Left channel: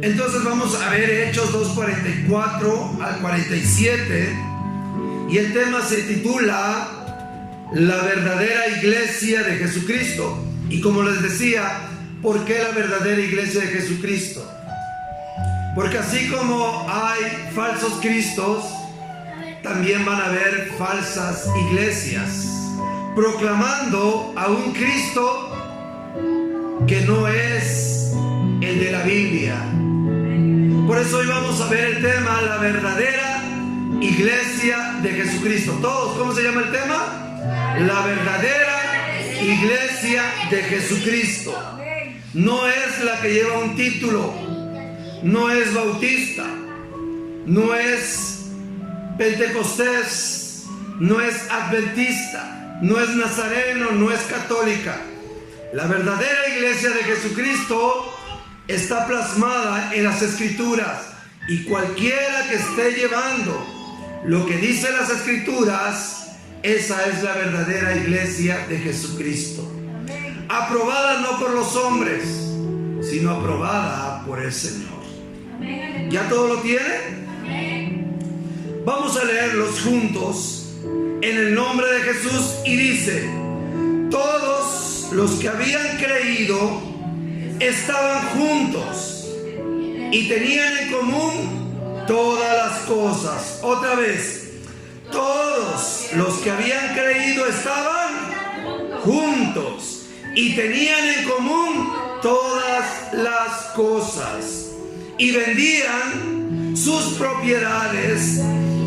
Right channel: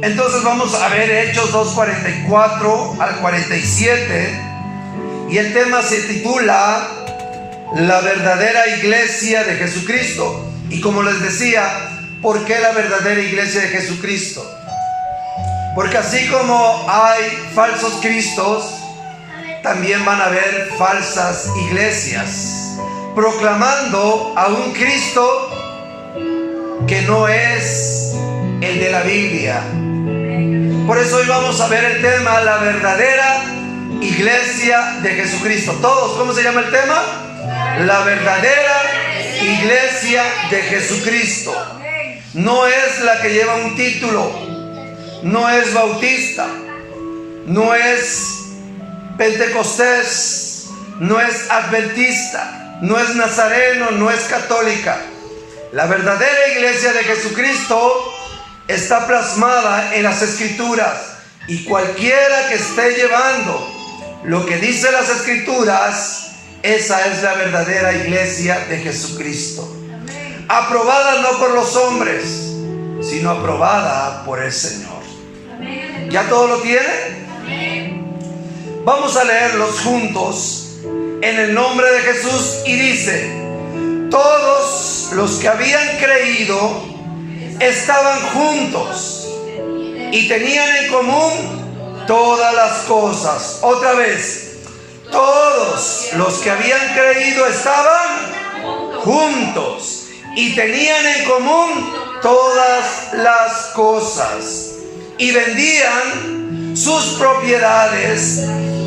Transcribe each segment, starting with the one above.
Entonces vamos a ver Hechos 2:44 al 47, y el tema se titula La verdadera iglesia de Jesucristo. Y como les decía, ¿por qué la verdadera iglesia de Jesucristo? Porque así como hay falsos cristos, también van a haber falsas iglesias proclamando a un Cristo que no es el de la Biblia. Por eso hoy vamos a ver el tema, la verdadera iglesia de Jesucristo. Todos, ¿cómo se llama el tema? La verdadera iglesia de Jesucristo. No es la que lleva un título, no es bautista, no es pentecostés, no es adventista, no es nazareno, no es católica. La verdadera iglesia de Jesucristo está plasmada en las Escrituras, y cualquiera que esté llevando lo que dice las Escrituras, esa es la verdadera iglesia de Jesucristo. Aprobada no por los hombres, sino aprobada por el Señor. ¿Ya todo lo tiene? Vamos a leerlos juntos en el nombre de Jesús, y dice: todos los que habían creído estaban juntos y tenían en común todas las cosas. Otra vez, todos los que habían creído estaban juntos y tenían en común todas las cosas, y vendían sus propiedades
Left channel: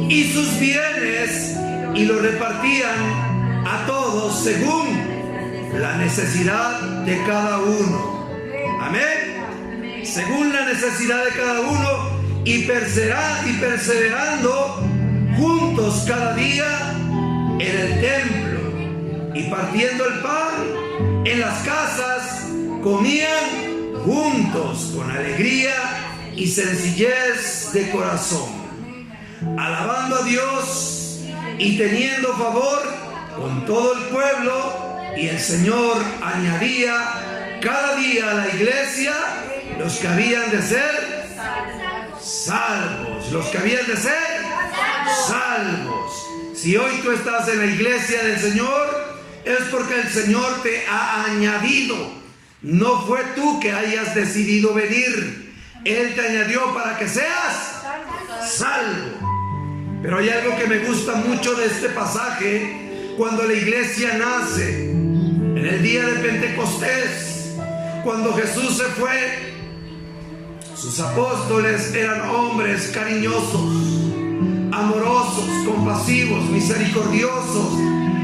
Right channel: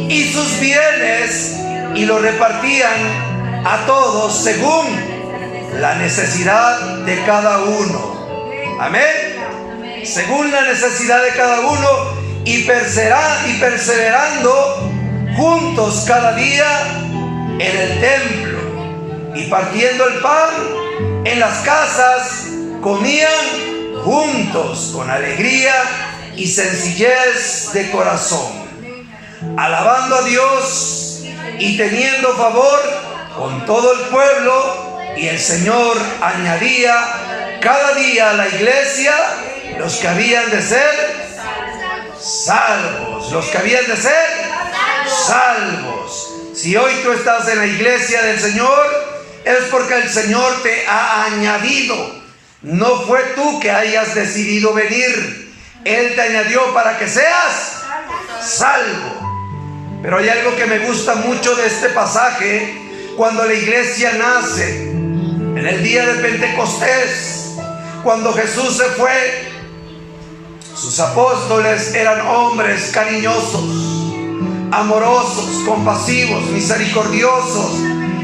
y sus bienes y lo repartían a todos según la necesidad de cada uno. Amén. Según la necesidad de cada uno, y perseverando juntos cada día en el templo, y partiendo el pan en las casas, comían juntos con alegría y sencillez de corazón, alabando a Dios y teniendo favor con todo el pueblo. Y el Señor añadía cada día a la iglesia los que habían de ser salvos. Los que habían de ser salvos. Si hoy tú estás en la iglesia del Señor, es porque el Señor te ha añadido. No fue tú que hayas decidido venir. Él te añadió para que seas salvo. Pero hay algo que me gusta mucho de este pasaje. Cuando la iglesia nace, en el día de Pentecostés, cuando Jesús se fue, sus apóstoles eran hombres cariñosos, amorosos, compasivos, misericordiosos,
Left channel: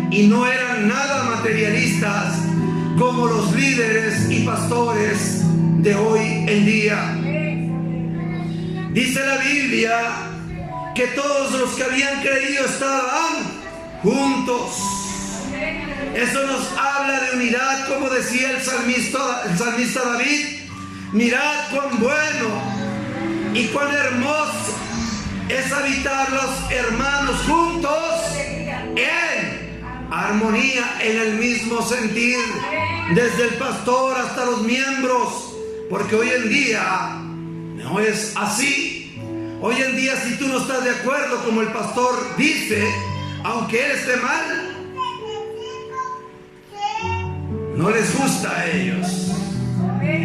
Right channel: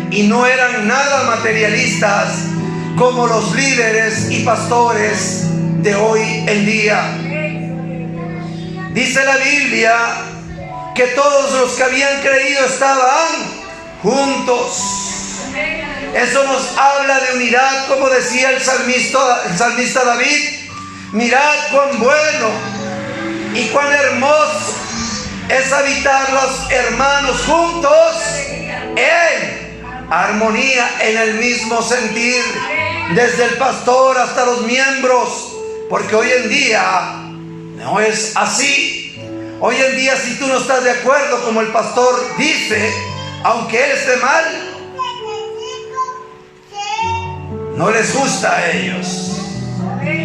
y no eran nada materialistas como los líderes y pastores de hoy en día. Dice la Biblia que todos los que habían creído estaban juntos. Eso nos habla de unidad, como decía el salmista David: mirad cuán bueno y cuán hermoso es habitar los hermanos juntos en armonía, en el mismo sentir, desde el pastor hasta los miembros. Porque hoy en día no es así. Hoy en día, si tú no estás de acuerdo como el pastor dice, aunque él esté mal, no les gusta a ellos.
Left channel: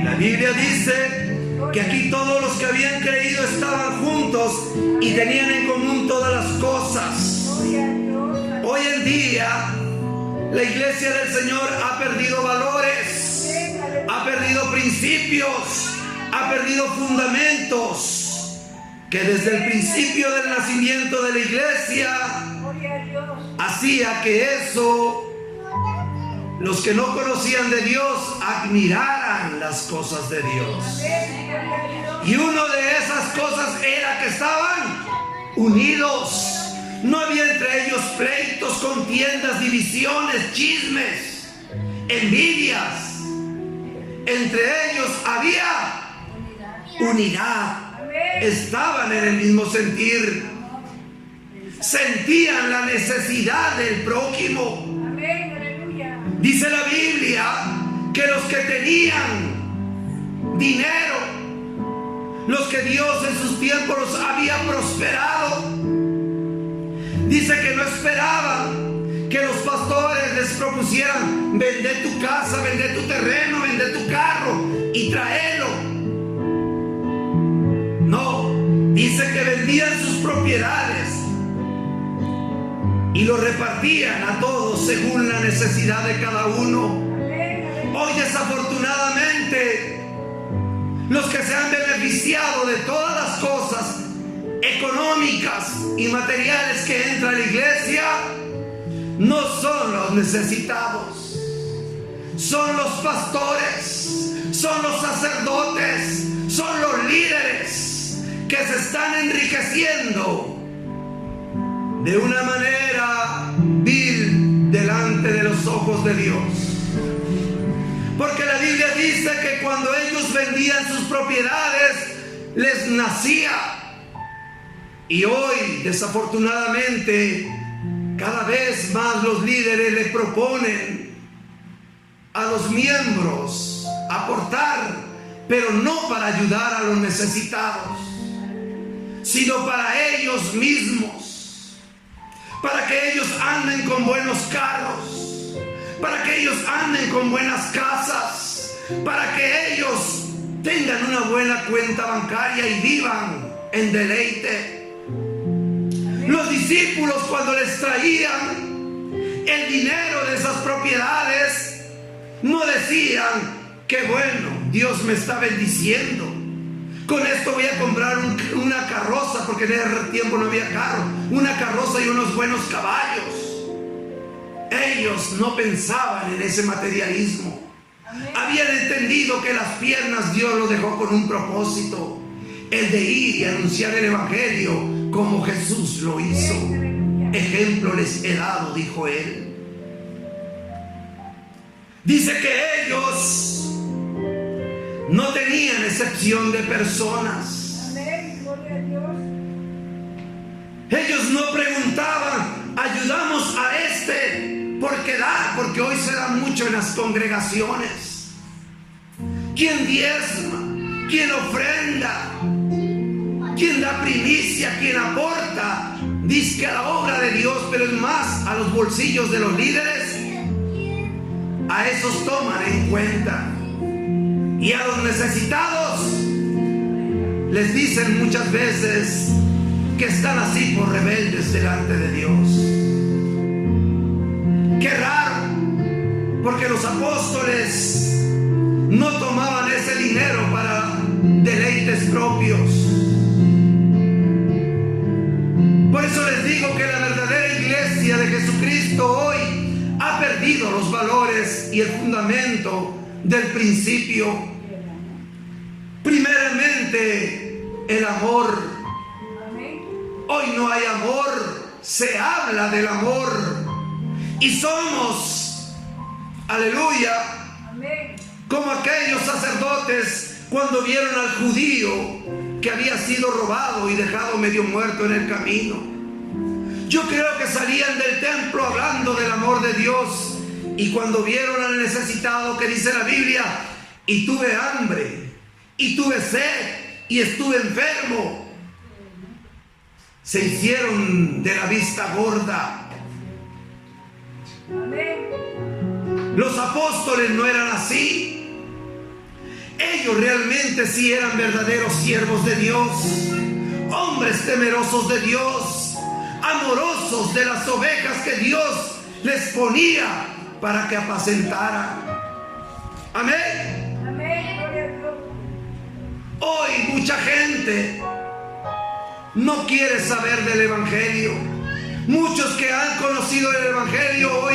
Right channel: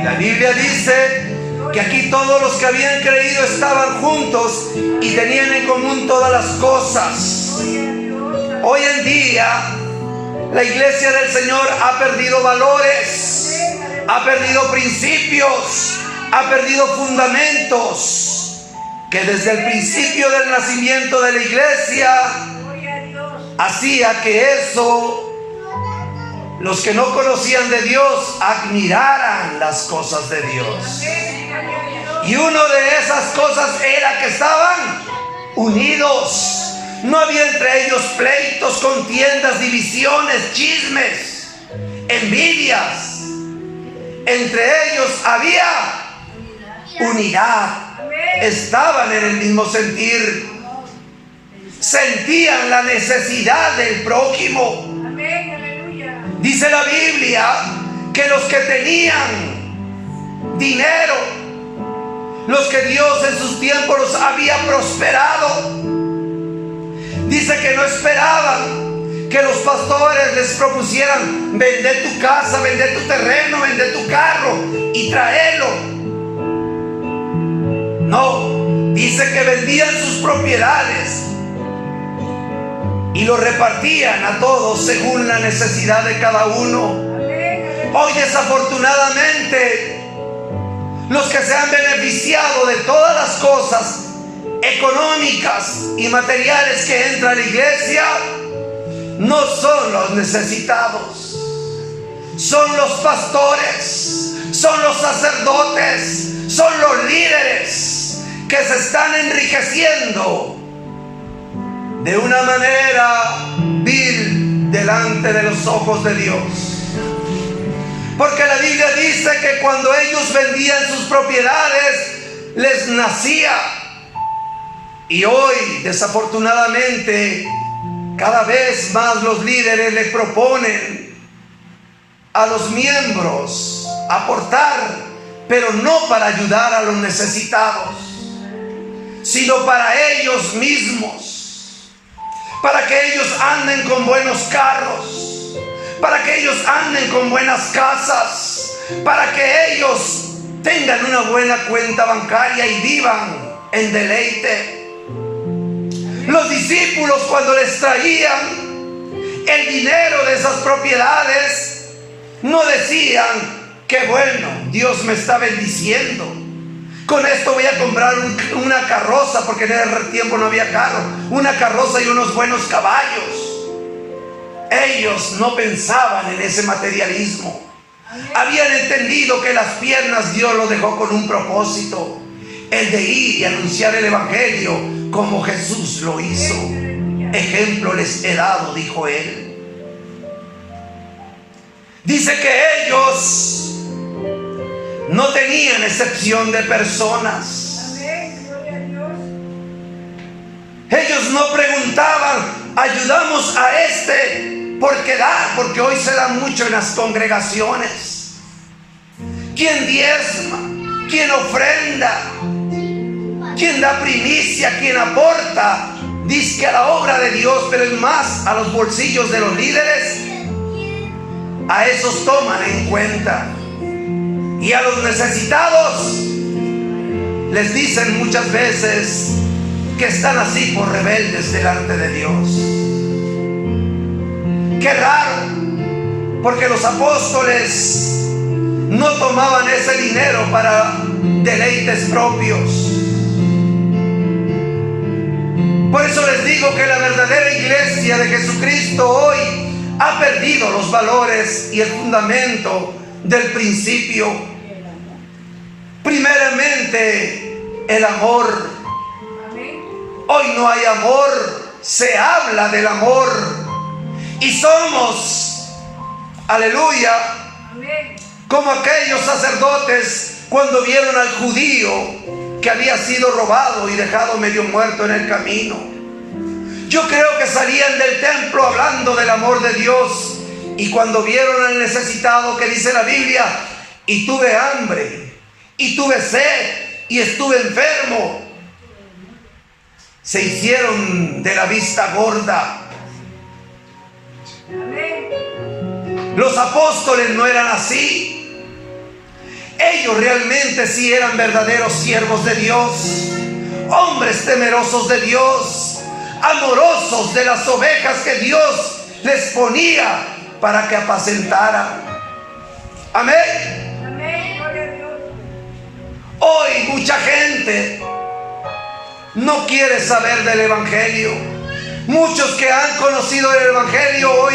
La Biblia dice que aquí todos los que habían creído estaban juntos y tenían en común todas las cosas. Hoy en día la iglesia del Señor ha perdido valores, ha perdido principios, ha perdido fundamentos que desde el principio del nacimiento de la iglesia hacía que eso, los que no conocían de Dios admiraran las cosas de Dios. Y una de esas cosas era que estaban unidos. No había entre ellos pleitos, contiendas, divisiones, chismes, envidias. Entre ellos había unidad. Estaban en el mismo sentir. Sentían la necesidad del prójimo. Dice la Biblia que los que tenían dinero los que Dios en sus tiempos los había prosperado. Dice que no esperaban que los pastores les propusieran: vender tu casa, vender tu terreno, vender tu carro y traerlo. No, dice que vendían sus propiedades y lo repartían a todos según la necesidad de cada uno. Hoy, desafortunadamente, los que se han beneficiado de todas las cosas económicas y materiales que entra a la iglesia no son los necesitados, son los pastores, son los sacerdotes, son los líderes que se están enriqueciendo de una manera vil delante de los ojos de Dios. Porque la Biblia dice que cuando ellos vendían sus propiedades, les nacía. Y hoy, desafortunadamente, cada vez más los líderes le proponen a los miembros aportar, pero no para ayudar a los necesitados, sino para ellos mismos, para que ellos anden con buenos carros, para que ellos anden con buenas casas, para que ellos tengan una buena cuenta bancaria y vivan en deleite. Los discípulos, cuando les traían el dinero de esas propiedades, no decían: qué bueno, Dios me está bendiciendo, con esto voy a comprar una carroza, porque en ese tiempo no había carro, una carroza y unos buenos caballos. Ellos no pensaban en ese materialismo. Habían entendido que las piernas Dios los dejó con un propósito: el de ir y anunciar el evangelio como Jesús lo hizo. Ejemplo les he dado, dijo él. Dice que ellos no tenían excepción de personas. Ellos no preguntaban: ayudamos a este porque da, porque hoy se da mucho en las congregaciones. ¿Quién diezma? ¿Quién ofrenda? ¿Quién da primicia? ¿Quién aporta? Dice a la obra de Dios, pero es más a los bolsillos de los líderes. A esos toman en cuenta. Y a los necesitados les dicen muchas veces que están así por rebeldes delante de Dios. Qué raro, porque los apóstoles no tomaban ese dinero para deleites propios. Por eso les digo que la verdadera iglesia de Jesucristo hoy ha perdido los valores y el fundamento del principio. Primeramente, el amor. Hoy no hay amor, se habla del amor. Y somos, aleluya, como aquellos sacerdotes cuando vieron al judío que había sido robado y dejado medio muerto en el camino. Yo creo que salían del templo hablando del amor de Dios, y cuando vieron al necesitado, que dice la Biblia: y tuve hambre, y tuve sed, y estuve enfermo, se hicieron de la vista gorda. Los apóstoles no eran así. Ellos realmente sí eran verdaderos siervos de Dios, hombres temerosos de Dios, amorosos de las ovejas que Dios les ponía para que apacentaran. Amén. Amén, gloria a Dios. Hoy mucha gente no quiere saber del evangelio. Muchos que han conocido el evangelio hoy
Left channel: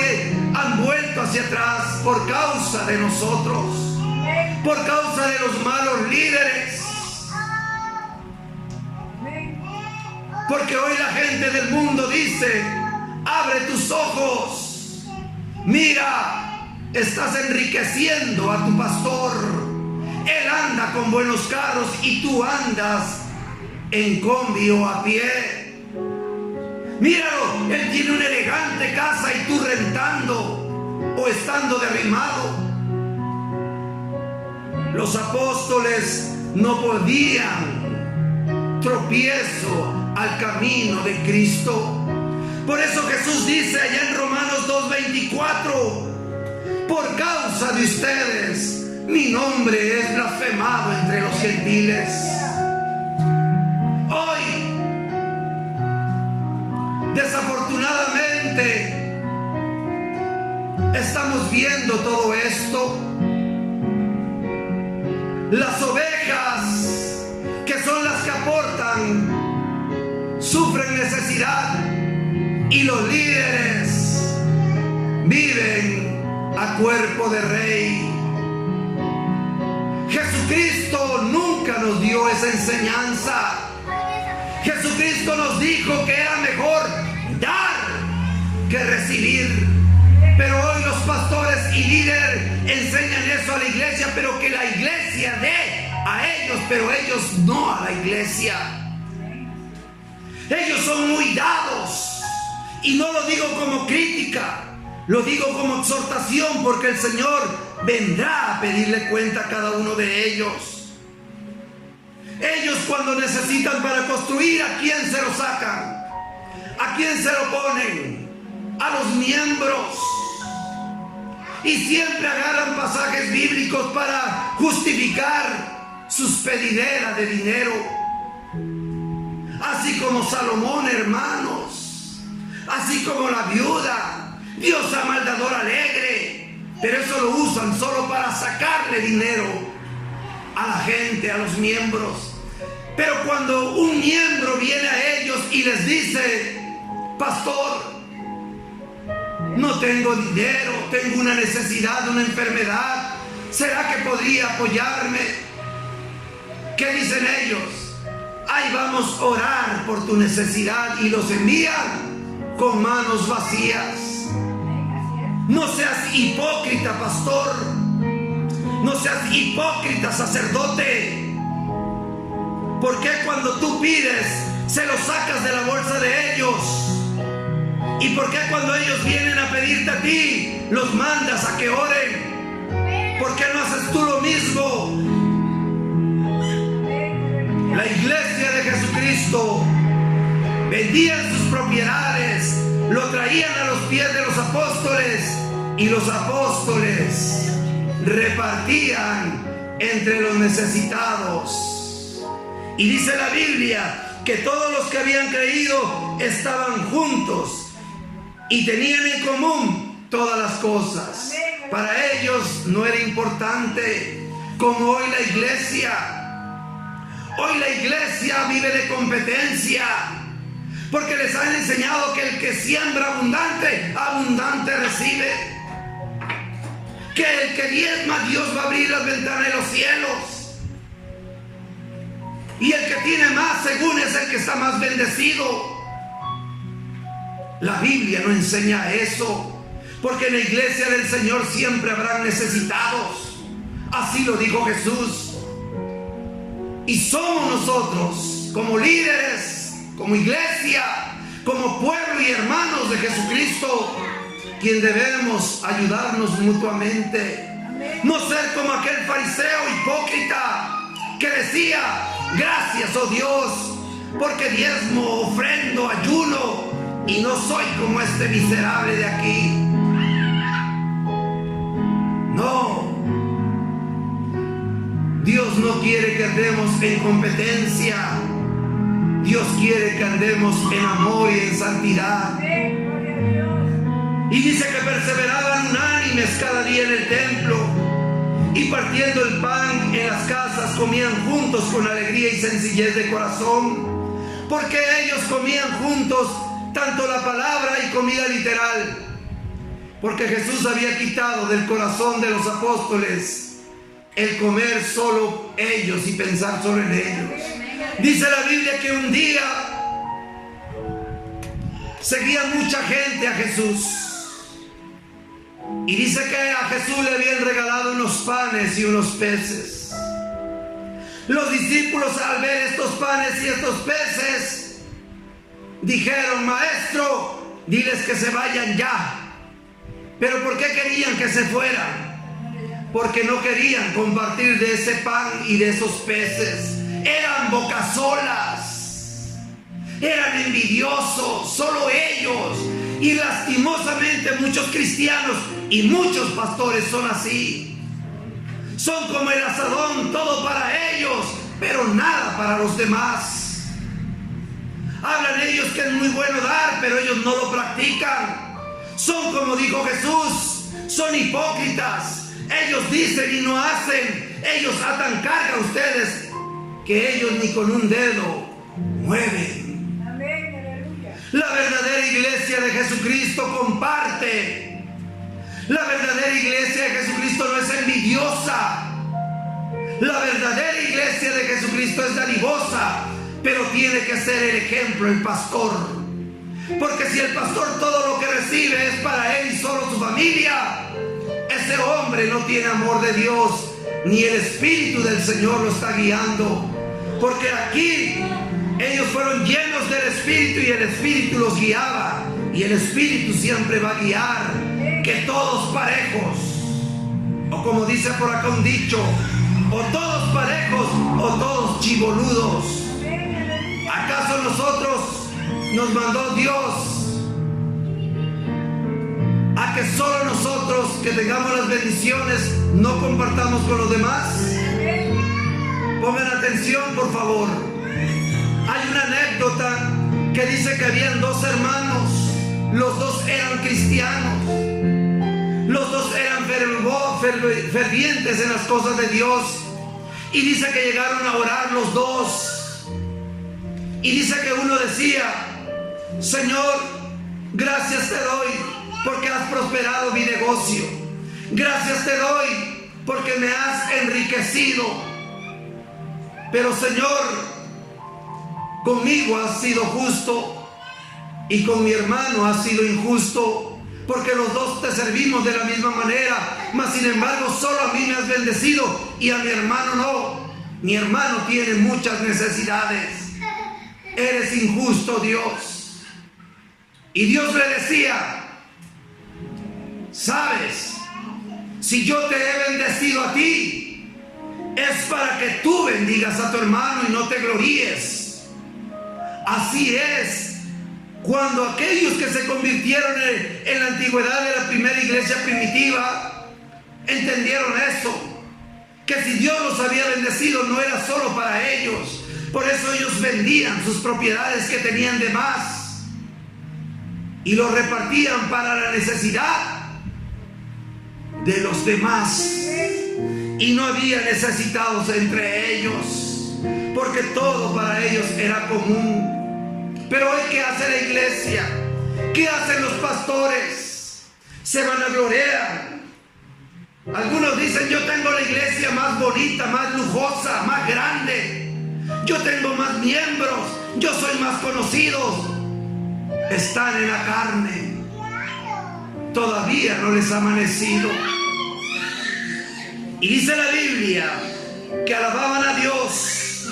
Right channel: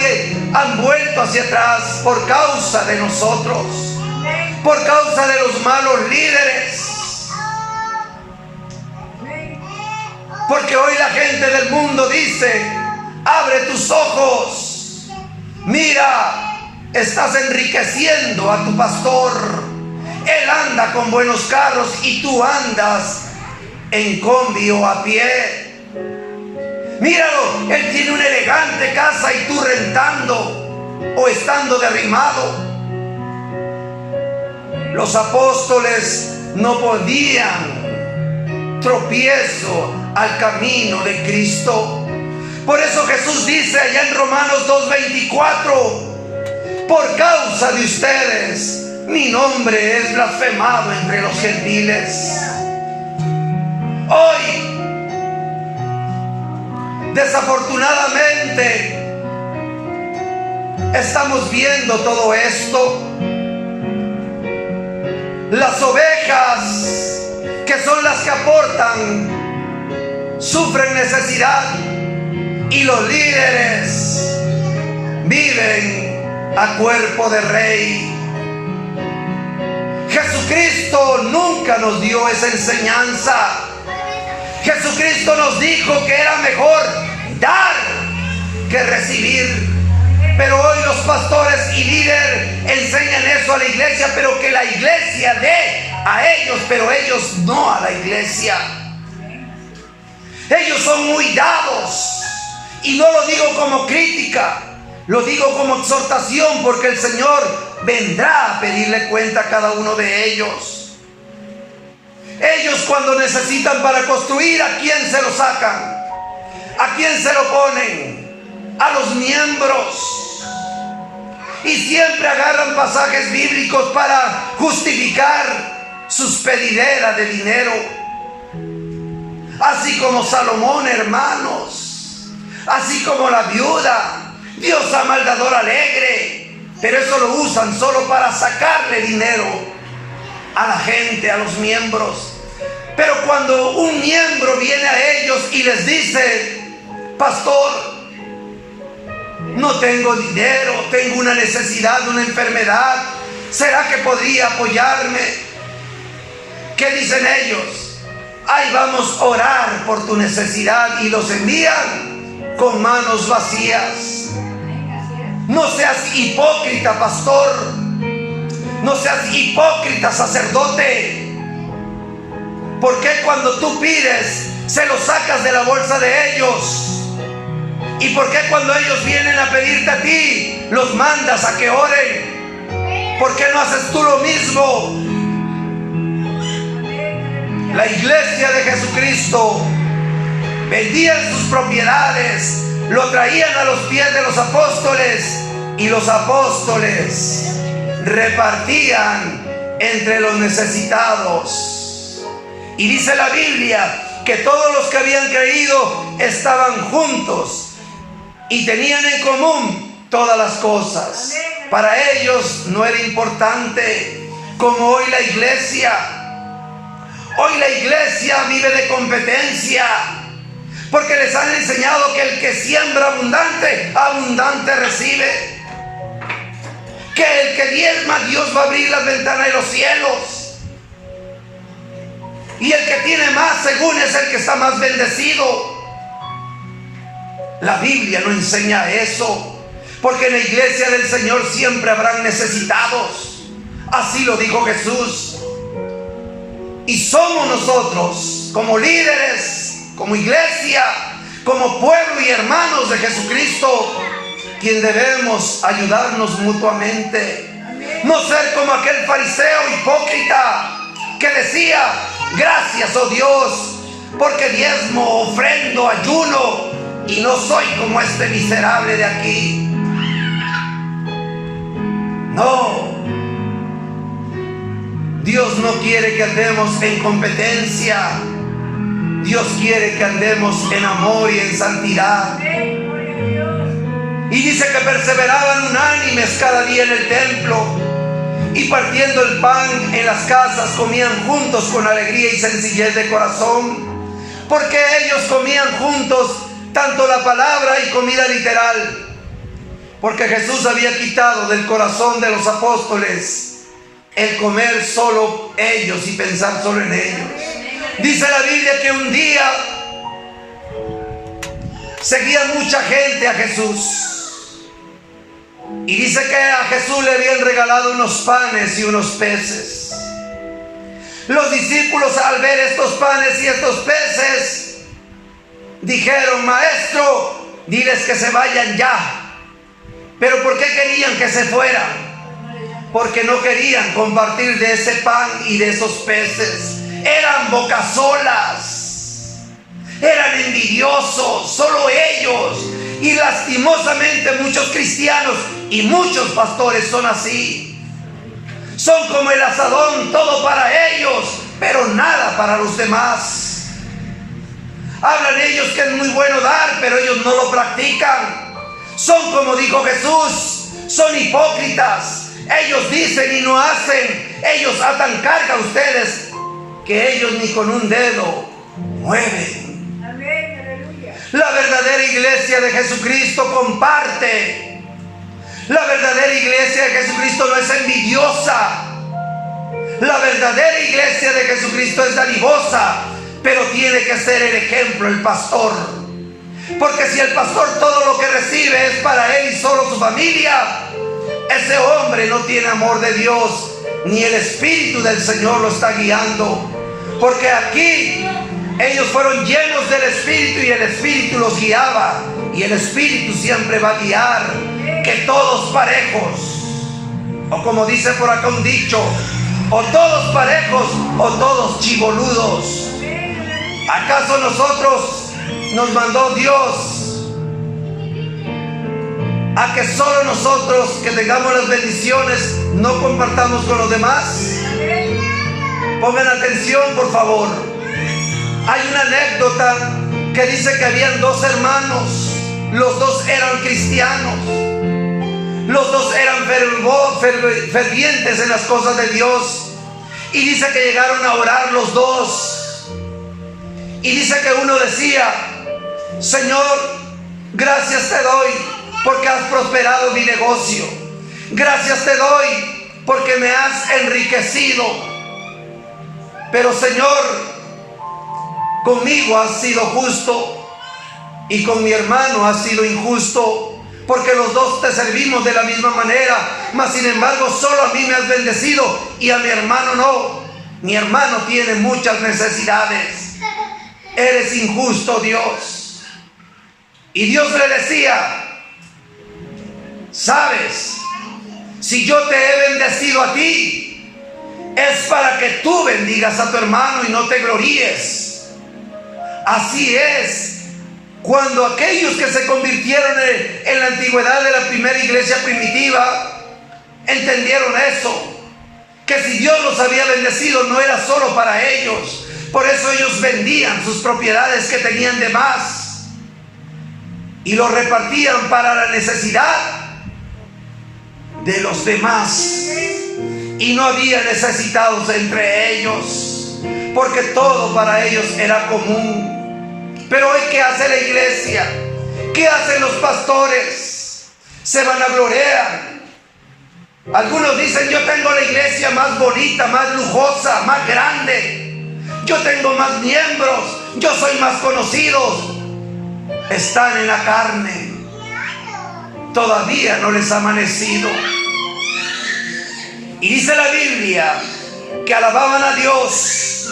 han vuelto hacia atrás por causa de nosotros, por causa de los malos líderes. Porque hoy la gente del mundo dice: abre tus ojos, mira, estás enriqueciendo a tu pastor. Él anda con buenos carros y tú andas en combi o a pie. Míralo, él tiene una elegante casa y tú rentando o estando derrimado. Los apóstoles no podían tropiezo al camino de Cristo. Por eso Jesús dice allá en Romanos 2:24: por causa de ustedes mi nombre es blasfemado entre los gentiles. Hoy, desafortunadamente, estamos viendo todo esto. Las ovejas, que son las que aportan, sufren necesidad, y los líderes viven a cuerpo de rey. Jesucristo nunca nos dio esa enseñanza. Jesucristo nos dijo que era mejor dar que recibir. Pero hoy los pastores y líderes enseñan eso a la iglesia, pero que la iglesia dé a ellos, pero ellos no a la iglesia. Ellos son muy dados, y no lo digo como crítica, lo digo como exhortación, porque el Señor vendrá a pedirle cuenta a cada uno de ellos. Ellos, cuando necesitan para construir, ¿a quién se lo sacan? ¿A quién se lo ponen? A los miembros. Y siempre agarran pasajes bíblicos para justificar sus pedideras de dinero. Así como Salomón, hermanos. Así como la viuda. Dios ama al dador alegre. Pero eso lo usan solo para sacarle dinero a la gente, a los miembros. Pero cuando un miembro viene a ellos y les dice: pastor, no tengo dinero, tengo una necesidad, una enfermedad, ¿será que podría apoyarme? ¿Qué dicen ellos? Ahí vamos a orar por tu necesidad, y los envían con manos vacías. No seas hipócrita, pastor. No seas hipócrita, sacerdote. ¿Por qué cuando tú pides se los sacas de la bolsa de ellos? ¿Y por qué cuando ellos vienen a pedirte a ti los mandas a que oren? ¿Por qué no haces tú lo mismo? La iglesia de Jesucristo vendían sus propiedades, lo traían a los pies de los apóstoles, y los apóstoles repartían entre los necesitados. Y dice la Biblia que todos los que habían creído estaban juntos y tenían en común todas las cosas. Para ellos no era importante, como hoy la iglesia. Hoy la iglesia vive de competencia, porque les han enseñado que el que siembra abundante, abundante recibe. Que el que diezma, Dios va a abrir las ventanas de los cielos. Y el que tiene más, según, es el que está más bendecido. La Biblia no enseña eso, porque en la iglesia del Señor siempre habrán necesitados. Así lo dijo Jesús. Y somos nosotros, como líderes, como iglesia, como pueblo y hermanos de Jesucristo, quien debemos ayudarnos mutuamente. No ser como aquel fariseo hipócrita que decía: gracias, oh Dios, porque diezmo, ofrendo, ayuno, y no soy como este miserable de aquí. No. Dios no quiere que andemos en competencia. Dios quiere que andemos en amor y en santidad. Y dice que perseveraban unánimes cada día en el templo, y partiendo el pan en las casas comían juntos con alegría y sencillez de corazón, porque ellos comían juntos tanto la palabra y comida literal, porque Jesús había quitado del corazón de los apóstoles el comer solo ellos y pensar solo en ellos. Dice la Biblia que un día seguía mucha gente a Jesús, y dice que a Jesús le habían regalado unos panes y unos peces. Los discípulos, al ver estos panes y estos peces, dijeron: maestro, diles que se vayan ya. ¿Pero por qué querían que se fueran? Porque no querían compartir de ese pan y de esos peces. Eran bocasolas. eran envidiosos, solo ellos. Y lastimosamente muchos cristianos y muchos pastores son así. Son como el asadón, todo para ellos, pero nada para los demás. Hablan ellos que es muy bueno dar, pero ellos no lo practican. Son como dijo Jesús, son hipócritas. Ellos dicen y no hacen. Ellos atan carga a ustedes que ellos ni con un dedo mueven. Amén, aleluya. La verdadera iglesia de Jesucristo comparte. La verdadera iglesia de Jesucristo no es envidiosa. La verdadera iglesia de Jesucristo es dadivosa, pero tiene que ser el ejemplo el pastor. Porque si el pastor todo lo que recibe es para él y solo su familia, ese hombre no tiene amor de Dios, ni el Espíritu del Señor lo está guiando. Porque aquí ellos fueron llenos del Espíritu y el Espíritu los guiaba. Y el Espíritu siempre va a guiar, que todos parejos. O como dice por acá un dicho, o todos parejos o todos chiboludos. ¿Acaso nosotros nos mandó Dios a que solo nosotros que tengamos las bendiciones no compartamos con los demás? Pongan atención, por favor. Hay una anécdota que dice que habían dos hermanos. Los dos eran cristianos. Los dos eran fervientes en las cosas de Dios. Y dice que llegaron a orar los dos. Y dice que uno decía: Señor, gracias te doy porque has prosperado mi negocio. Gracias te doy porque me has enriquecido. Pero Señor, conmigo has sido justo y con mi hermano has sido injusto. Porque los dos te servimos de la misma manera, mas sin embargo solo a mí me has bendecido y a mi hermano no. Mi hermano tiene muchas necesidades. Eres injusto, Dios. Y Dios le decía: sabes, si yo te he bendecido a ti, es para que tú bendigas a tu hermano y no te gloríes. Así es. Cuando aquellos que se convirtieron en la antigüedad de la primera iglesia primitiva entendieron eso, que si Dios los había bendecido no era solo para ellos. Por eso ellos vendían sus propiedades que tenían de más y lo repartían para la necesidad de los demás. Y no había necesitados entre ellos, porque todo para ellos era común. Pero hoy, ¿qué hace la iglesia? ¿Qué hacen los pastores? Se vanaglorian. Algunos dicen: yo tengo la iglesia más bonita, más lujosa, más grande. Yo tengo más miembros, yo soy más conocido. Están en la carne. Todavía no les ha amanecido. Y dice la Biblia que alababan a Dios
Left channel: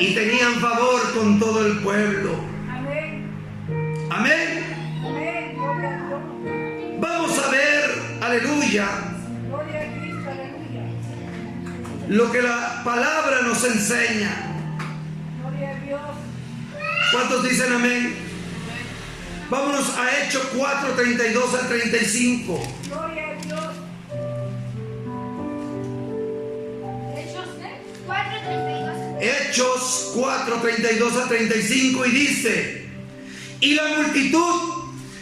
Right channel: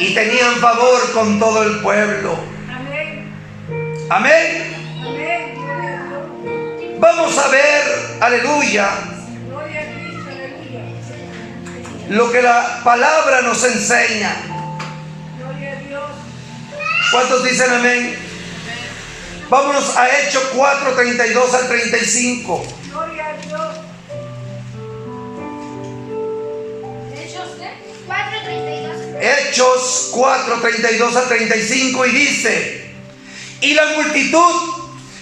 y tenían favor con todo el pueblo. Amén. Vamos a ver, aleluya, lo que la palabra nos enseña. ¿Cuántos dicen amén? Vámonos a Hechos 4, 32 al 35. Hechos 4, 32 al 35, y dice: y la multitud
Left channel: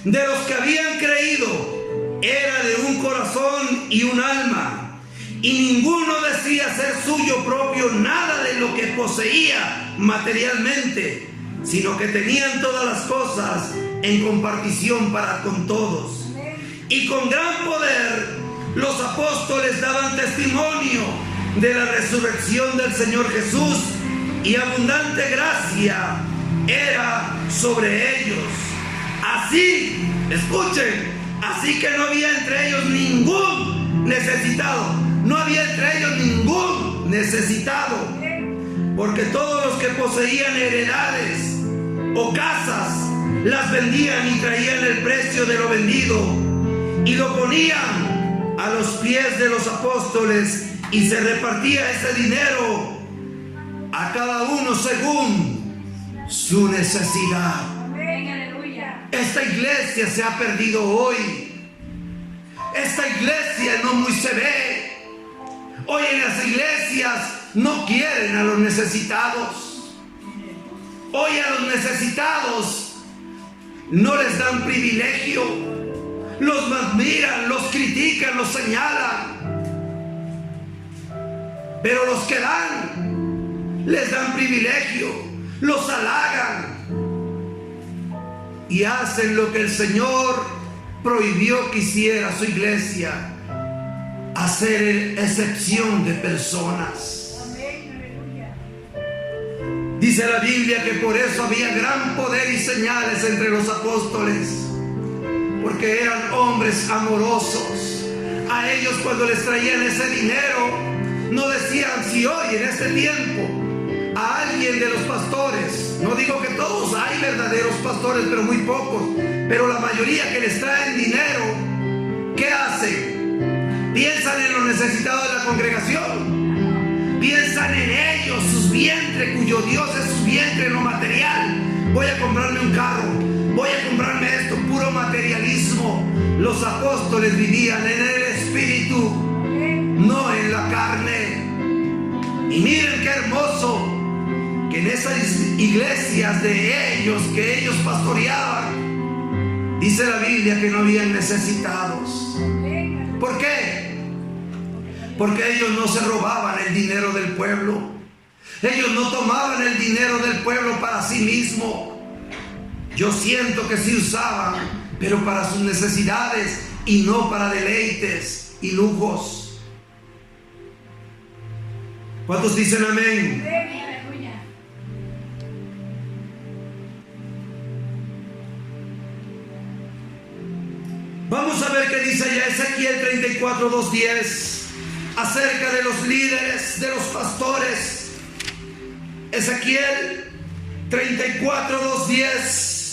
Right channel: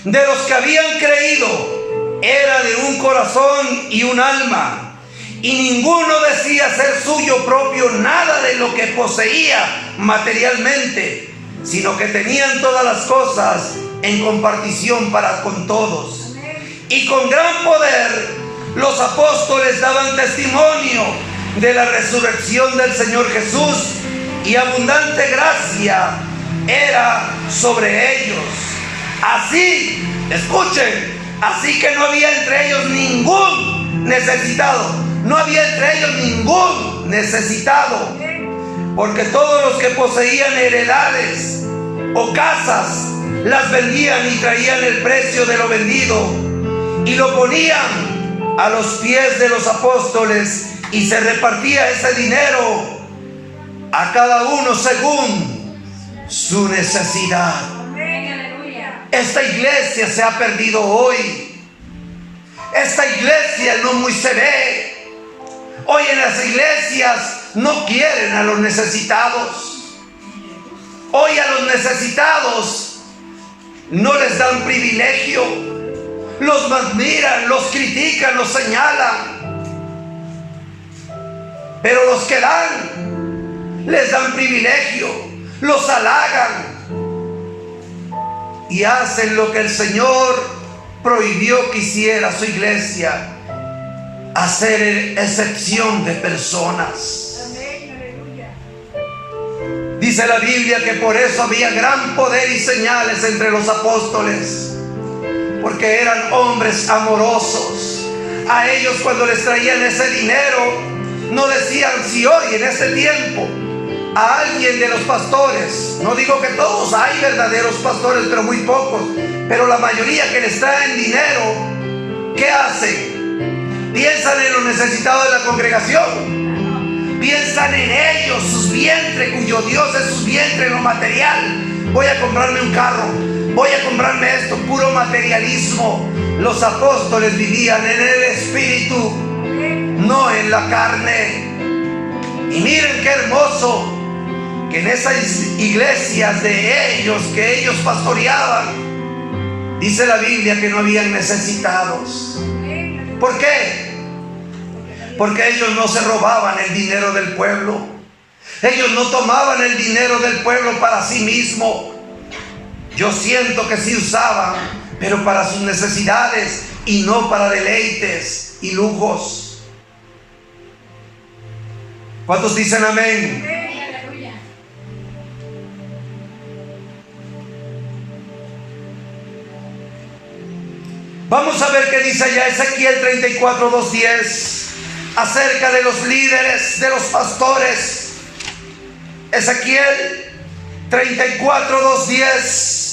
de los que habían creído era de un corazón y un alma, y ninguno decía ser suyo propio nada de lo que poseía materialmente, sino que tenían todas las cosas en compartición para con todos. Y con gran poder los apóstoles daban testimonio de la resurrección del Señor Jesús, y abundante gracia era sobre ellos. Así, escuchen, así que no había entre ellos ningún necesitado. No había entre ellos ningún necesitado, porque todos los que poseían heredades o casas las vendían y traían el precio de lo vendido y lo ponían a los pies de los apóstoles, y se repartía ese dinero a cada uno según su necesidad. Esta iglesia se ha perdido hoy. Esta iglesia no muy se ve. Hoy en las iglesias no quieren a los necesitados. Hoy a los necesitados no les dan privilegio. Los admiran, los critican, los señalan. Pero los que dan, les dan privilegio, los halagan y hacen lo que el Señor prohibió que hiciera su iglesia: hacer excepción de personas. Dice la Biblia que por eso había gran poder y señales entre los apóstoles, porque eran hombres amorosos. A ellos, cuando les traían ese dinero, no decían: si hoy en este tiempo a alguien de los pastores, no digo que todos, hay verdaderos pastores, pero muy pocos, pero la mayoría que les traen dinero, ¿qué hacen? Piensan en los necesitados de la congregación, piensan en ellos, sus vientres, cuyo Dios es sus vientres, lo material. Voy a comprarme un carro, voy a comprarme esto, puro materialismo. Los apóstoles vivían en el espíritu, no en la carne. Y miren qué hermoso que en esas iglesias de ellos, que ellos pastoreaban, dice la Biblia que no habían necesitados. ¿Por qué? Porque ellos no se robaban el dinero del pueblo. Ellos no tomaban el dinero del pueblo para sí mismo. Yo siento que sí usaban, pero para sus necesidades y no para deleites y lujos. ¿Cuántos dicen amén? Vamos a ver qué dice allá Ezequiel 34, 2:10 acerca de los líderes, de los pastores. Ezequiel 34, 2:10.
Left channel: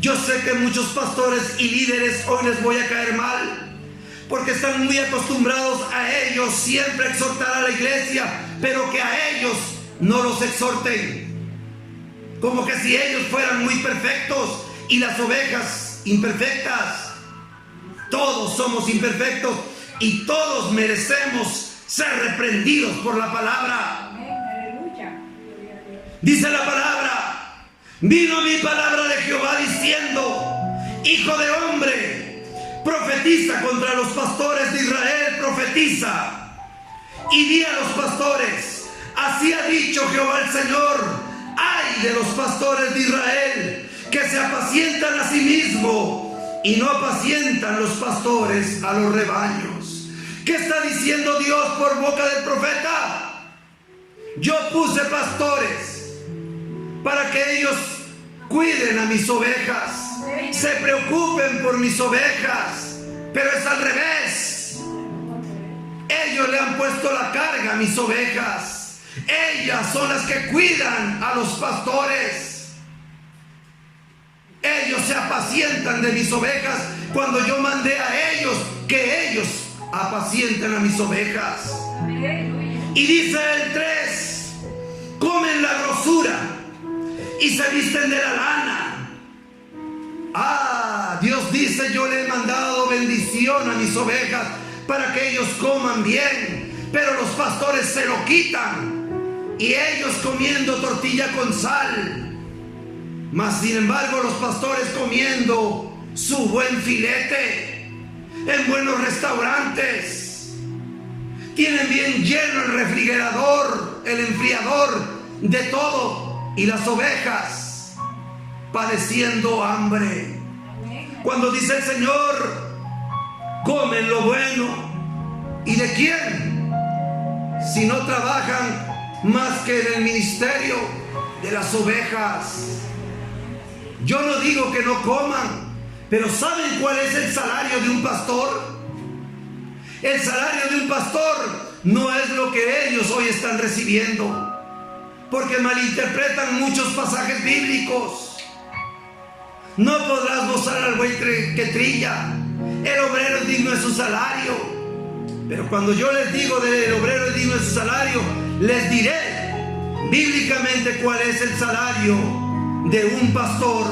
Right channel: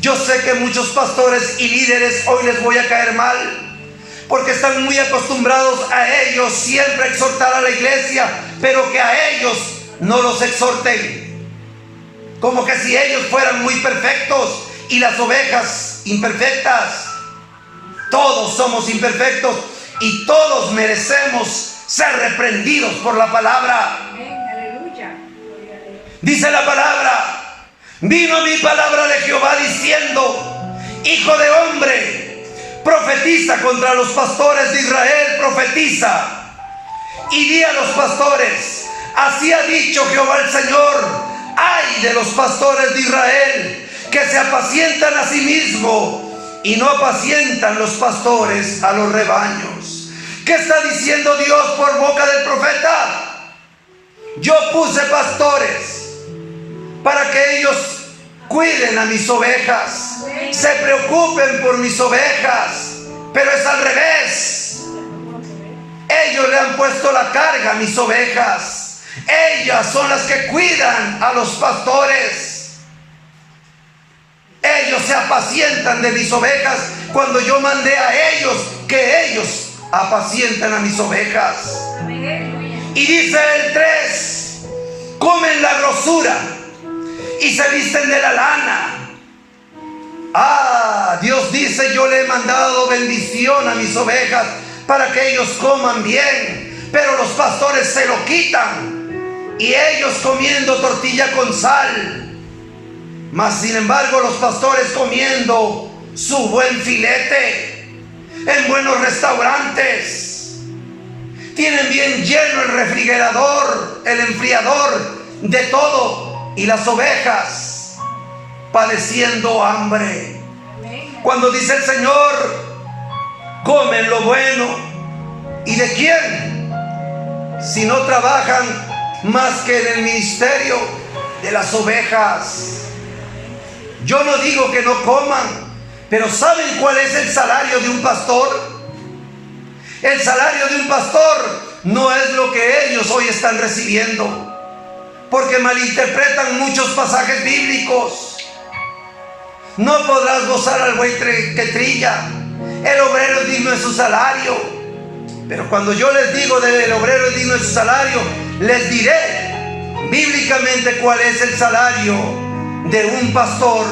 Yo sé que muchos pastores y líderes hoy les voy a caer mal, porque están muy acostumbrados a ellos siempre exhortar a la iglesia, pero que a ellos no los exhorten, como que si ellos fueran muy perfectos y las ovejas imperfectas. Todos somos imperfectos y todos merecemos ser reprendidos por la palabra. Dice la palabra: vino mi palabra de Jehová diciendo: hijo de hombre, profetiza contra los pastores de Israel, profetiza y di a los pastores: así ha dicho Jehová el Señor, ay de los pastores de Israel, que se apacientan a sí mismos y no apacientan los pastores a los rebaños. ¿Qué está diciendo Dios por boca del profeta? Yo puse pastores para que ellos cuiden a mis ovejas, se preocupen por mis ovejas, pero es al revés. Ellos le han puesto la carga a mis ovejas. Ellas son las que cuidan a los pastores. Ellos se apacientan de mis ovejas cuando yo mandé a ellos que ellos apacienten a mis ovejas. Y dice el 3: comen la grosura y se visten de la lana. Dios dice: yo le he mandado bendición a mis ovejas para que ellos coman bien, pero los pastores se lo quitan, y ellos comiendo tortilla con sal. Mas sin embargo los pastores comiendo su buen filete en buenos restaurantes, tienen bien lleno el refrigerador, el enfriador de todo, y las ovejas padeciendo hambre. Cuando dice el Señor: comen lo bueno, ¿y de quién? Si no trabajan más que en el ministerio de las ovejas. Yo no digo que no coman, pero ¿saben cuál es el salario de un pastor? El salario de un pastor no es lo que ellos hoy están recibiendo, porque malinterpretan muchos pasajes bíblicos. No podrás gozar al buey que trilla, el obrero es digno de su salario. Pero cuando yo les digo del obrero es digno de su salario, les diré bíblicamente cuál es el salario de un pastor,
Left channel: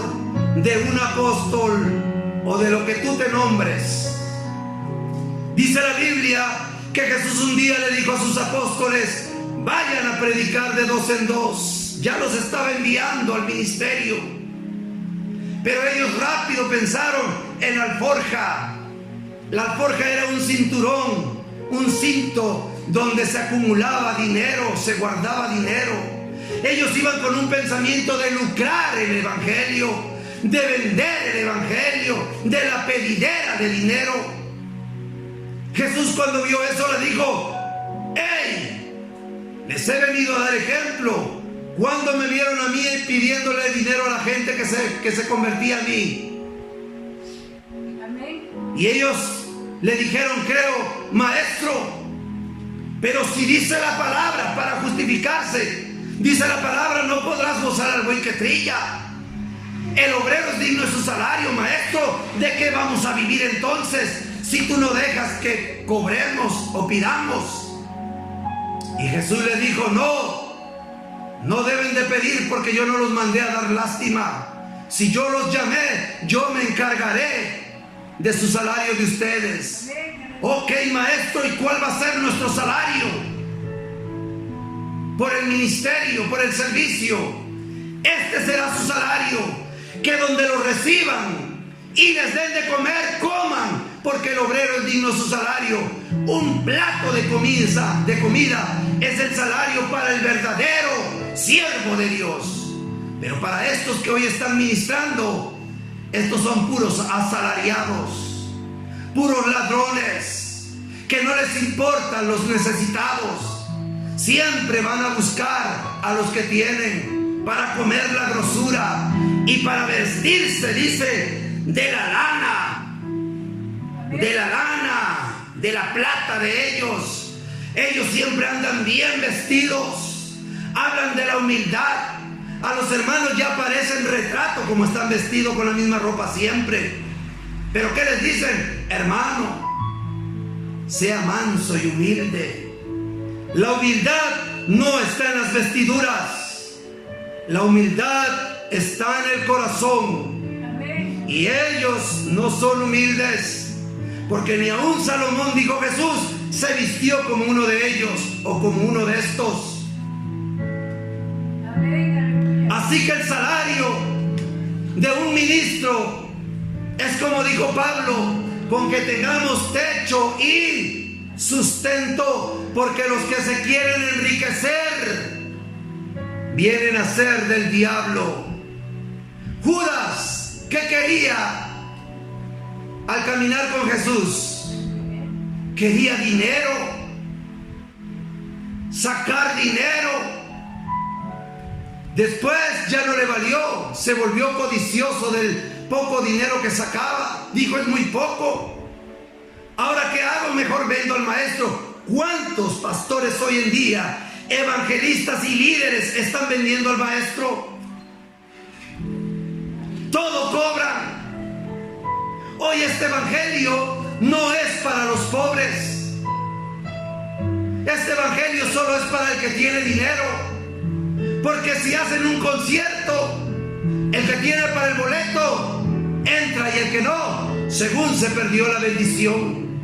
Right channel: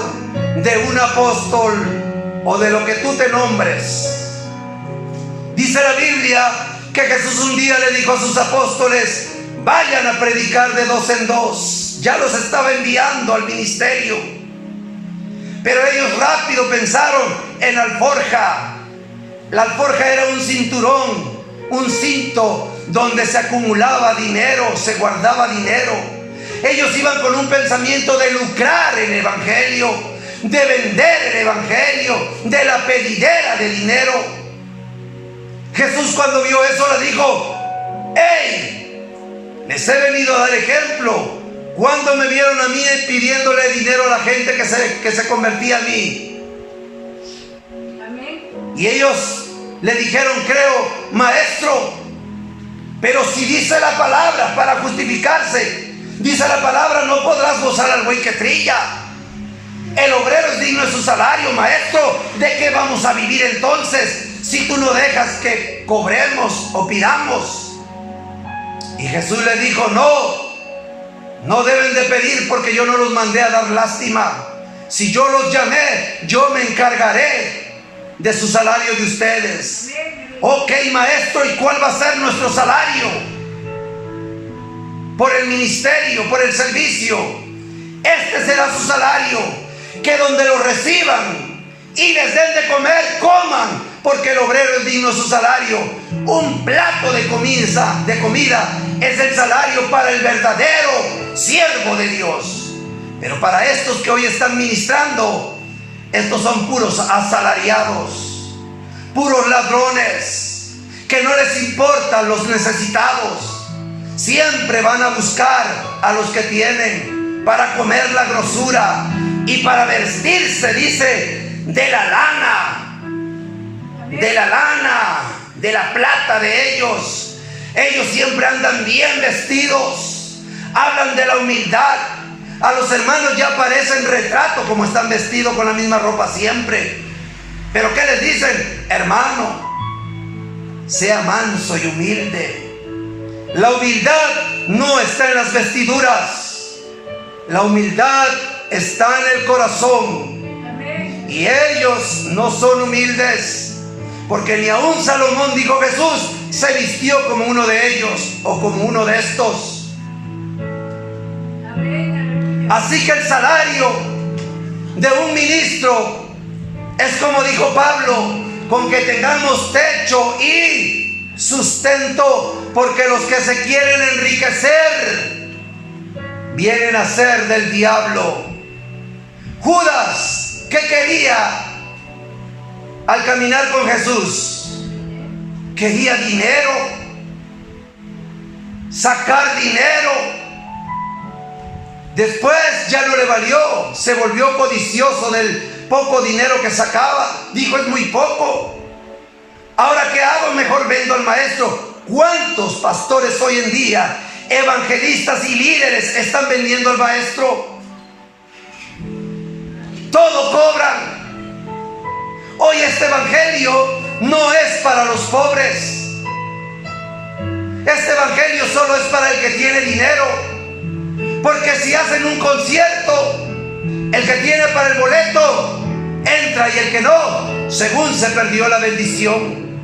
de un apóstol o de lo que tú te nombres. Dice la Biblia que Jesús un día le dijo a sus apóstoles: vayan a predicar de 2 en 2. Ya los estaba enviando al ministerio, pero ellos rápido pensaron en la alforja. La alforja era un cinturón, un cinto donde se acumulaba dinero, se guardaba dinero. Ellos iban con un pensamiento de lucrar el evangelio, de vender el evangelio, de la pedidera de dinero. Jesús, cuando vio eso, le dijo: ¡hey! Les he venido a dar ejemplo. ¿Cuándo me vieron a mí pidiéndole dinero a la gente que se convertía a mí? Amén. Y ellos le dijeron: creo, maestro. Pero si dice la palabra, para justificarse, dice la palabra: no podrás gozar al buey que trilla. El obrero es digno de su salario. Maestro, ¿de qué vamos a vivir entonces si tú no dejas que cobremos o pidamos? Y Jesús le dijo: no deben de pedir, porque yo no los mandé a dar lástima. Si yo los llamé, yo me encargaré de su salario de ustedes. Ok, maestro, ¿y cuál va a ser nuestro salario? Por el ministerio, por el servicio. Este será su salario: que donde lo reciban y les den de comer, coman, porque el obrero es digno de su salario. Un plato de comida es el salario para el verdadero siervo de Dios. Pero para estos que hoy están ministrando, estos son puros asalariados, puros ladrones, que no les importan los necesitados. Siempre van a buscar a los que tienen para comer la grosura y para vestirse, dice, de la lana, de la plata de ellos. Ellos siempre andan bien vestidos, hablan de la humildad. A los hermanos ya parecen retrato como están vestidos con la misma ropa siempre. Pero ¿qué les dicen? Hermano, sea manso y humilde. La humildad no está en las vestiduras. La humildad está en el corazón. Y ellos no son humildes, porque ni aun Salomón, dijo Jesús, se vistió como uno de ellos o como uno de estos. Así que el salario de un ministro es, como dijo Pablo, con que tengamos techo y sustento, porque los que se quieren enriquecer vienen a ser del diablo. Judas, ¿qué quería al caminar con Jesús? Quería dinero, sacar dinero. Después ya no le valió, se volvió codicioso del poco dinero que sacaba. Dijo: es muy poco. Ahora, ¿qué hago? Mejor vendo al maestro. ¿Cuántos pastores hoy en día, evangelistas y líderes, están vendiendo al maestro? Todo cobran. Hoy este evangelio no es para los pobres. Este evangelio solo es para el que tiene dinero. Porque si hacen un concierto, el que tiene para el boleto entra, y el que no, según se perdió la bendición.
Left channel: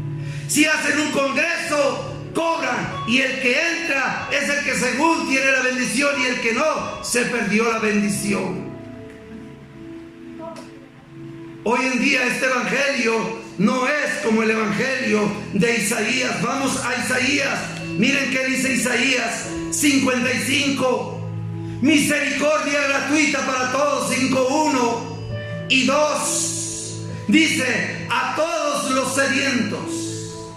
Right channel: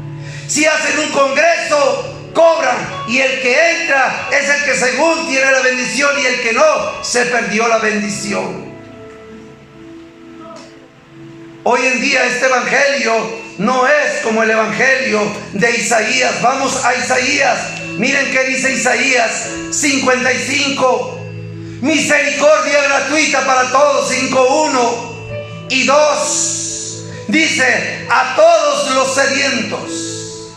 Si hacen un congreso, cobran, y el que entra es el que según tiene la bendición, y el que no, se perdió la bendición. Hoy en día este evangelio no es como el evangelio de Isaías. Vamos a Isaías. Miren qué dice Isaías 55. Misericordia gratuita para todos, 5:1 y 2. Dice: a todos los sedientos,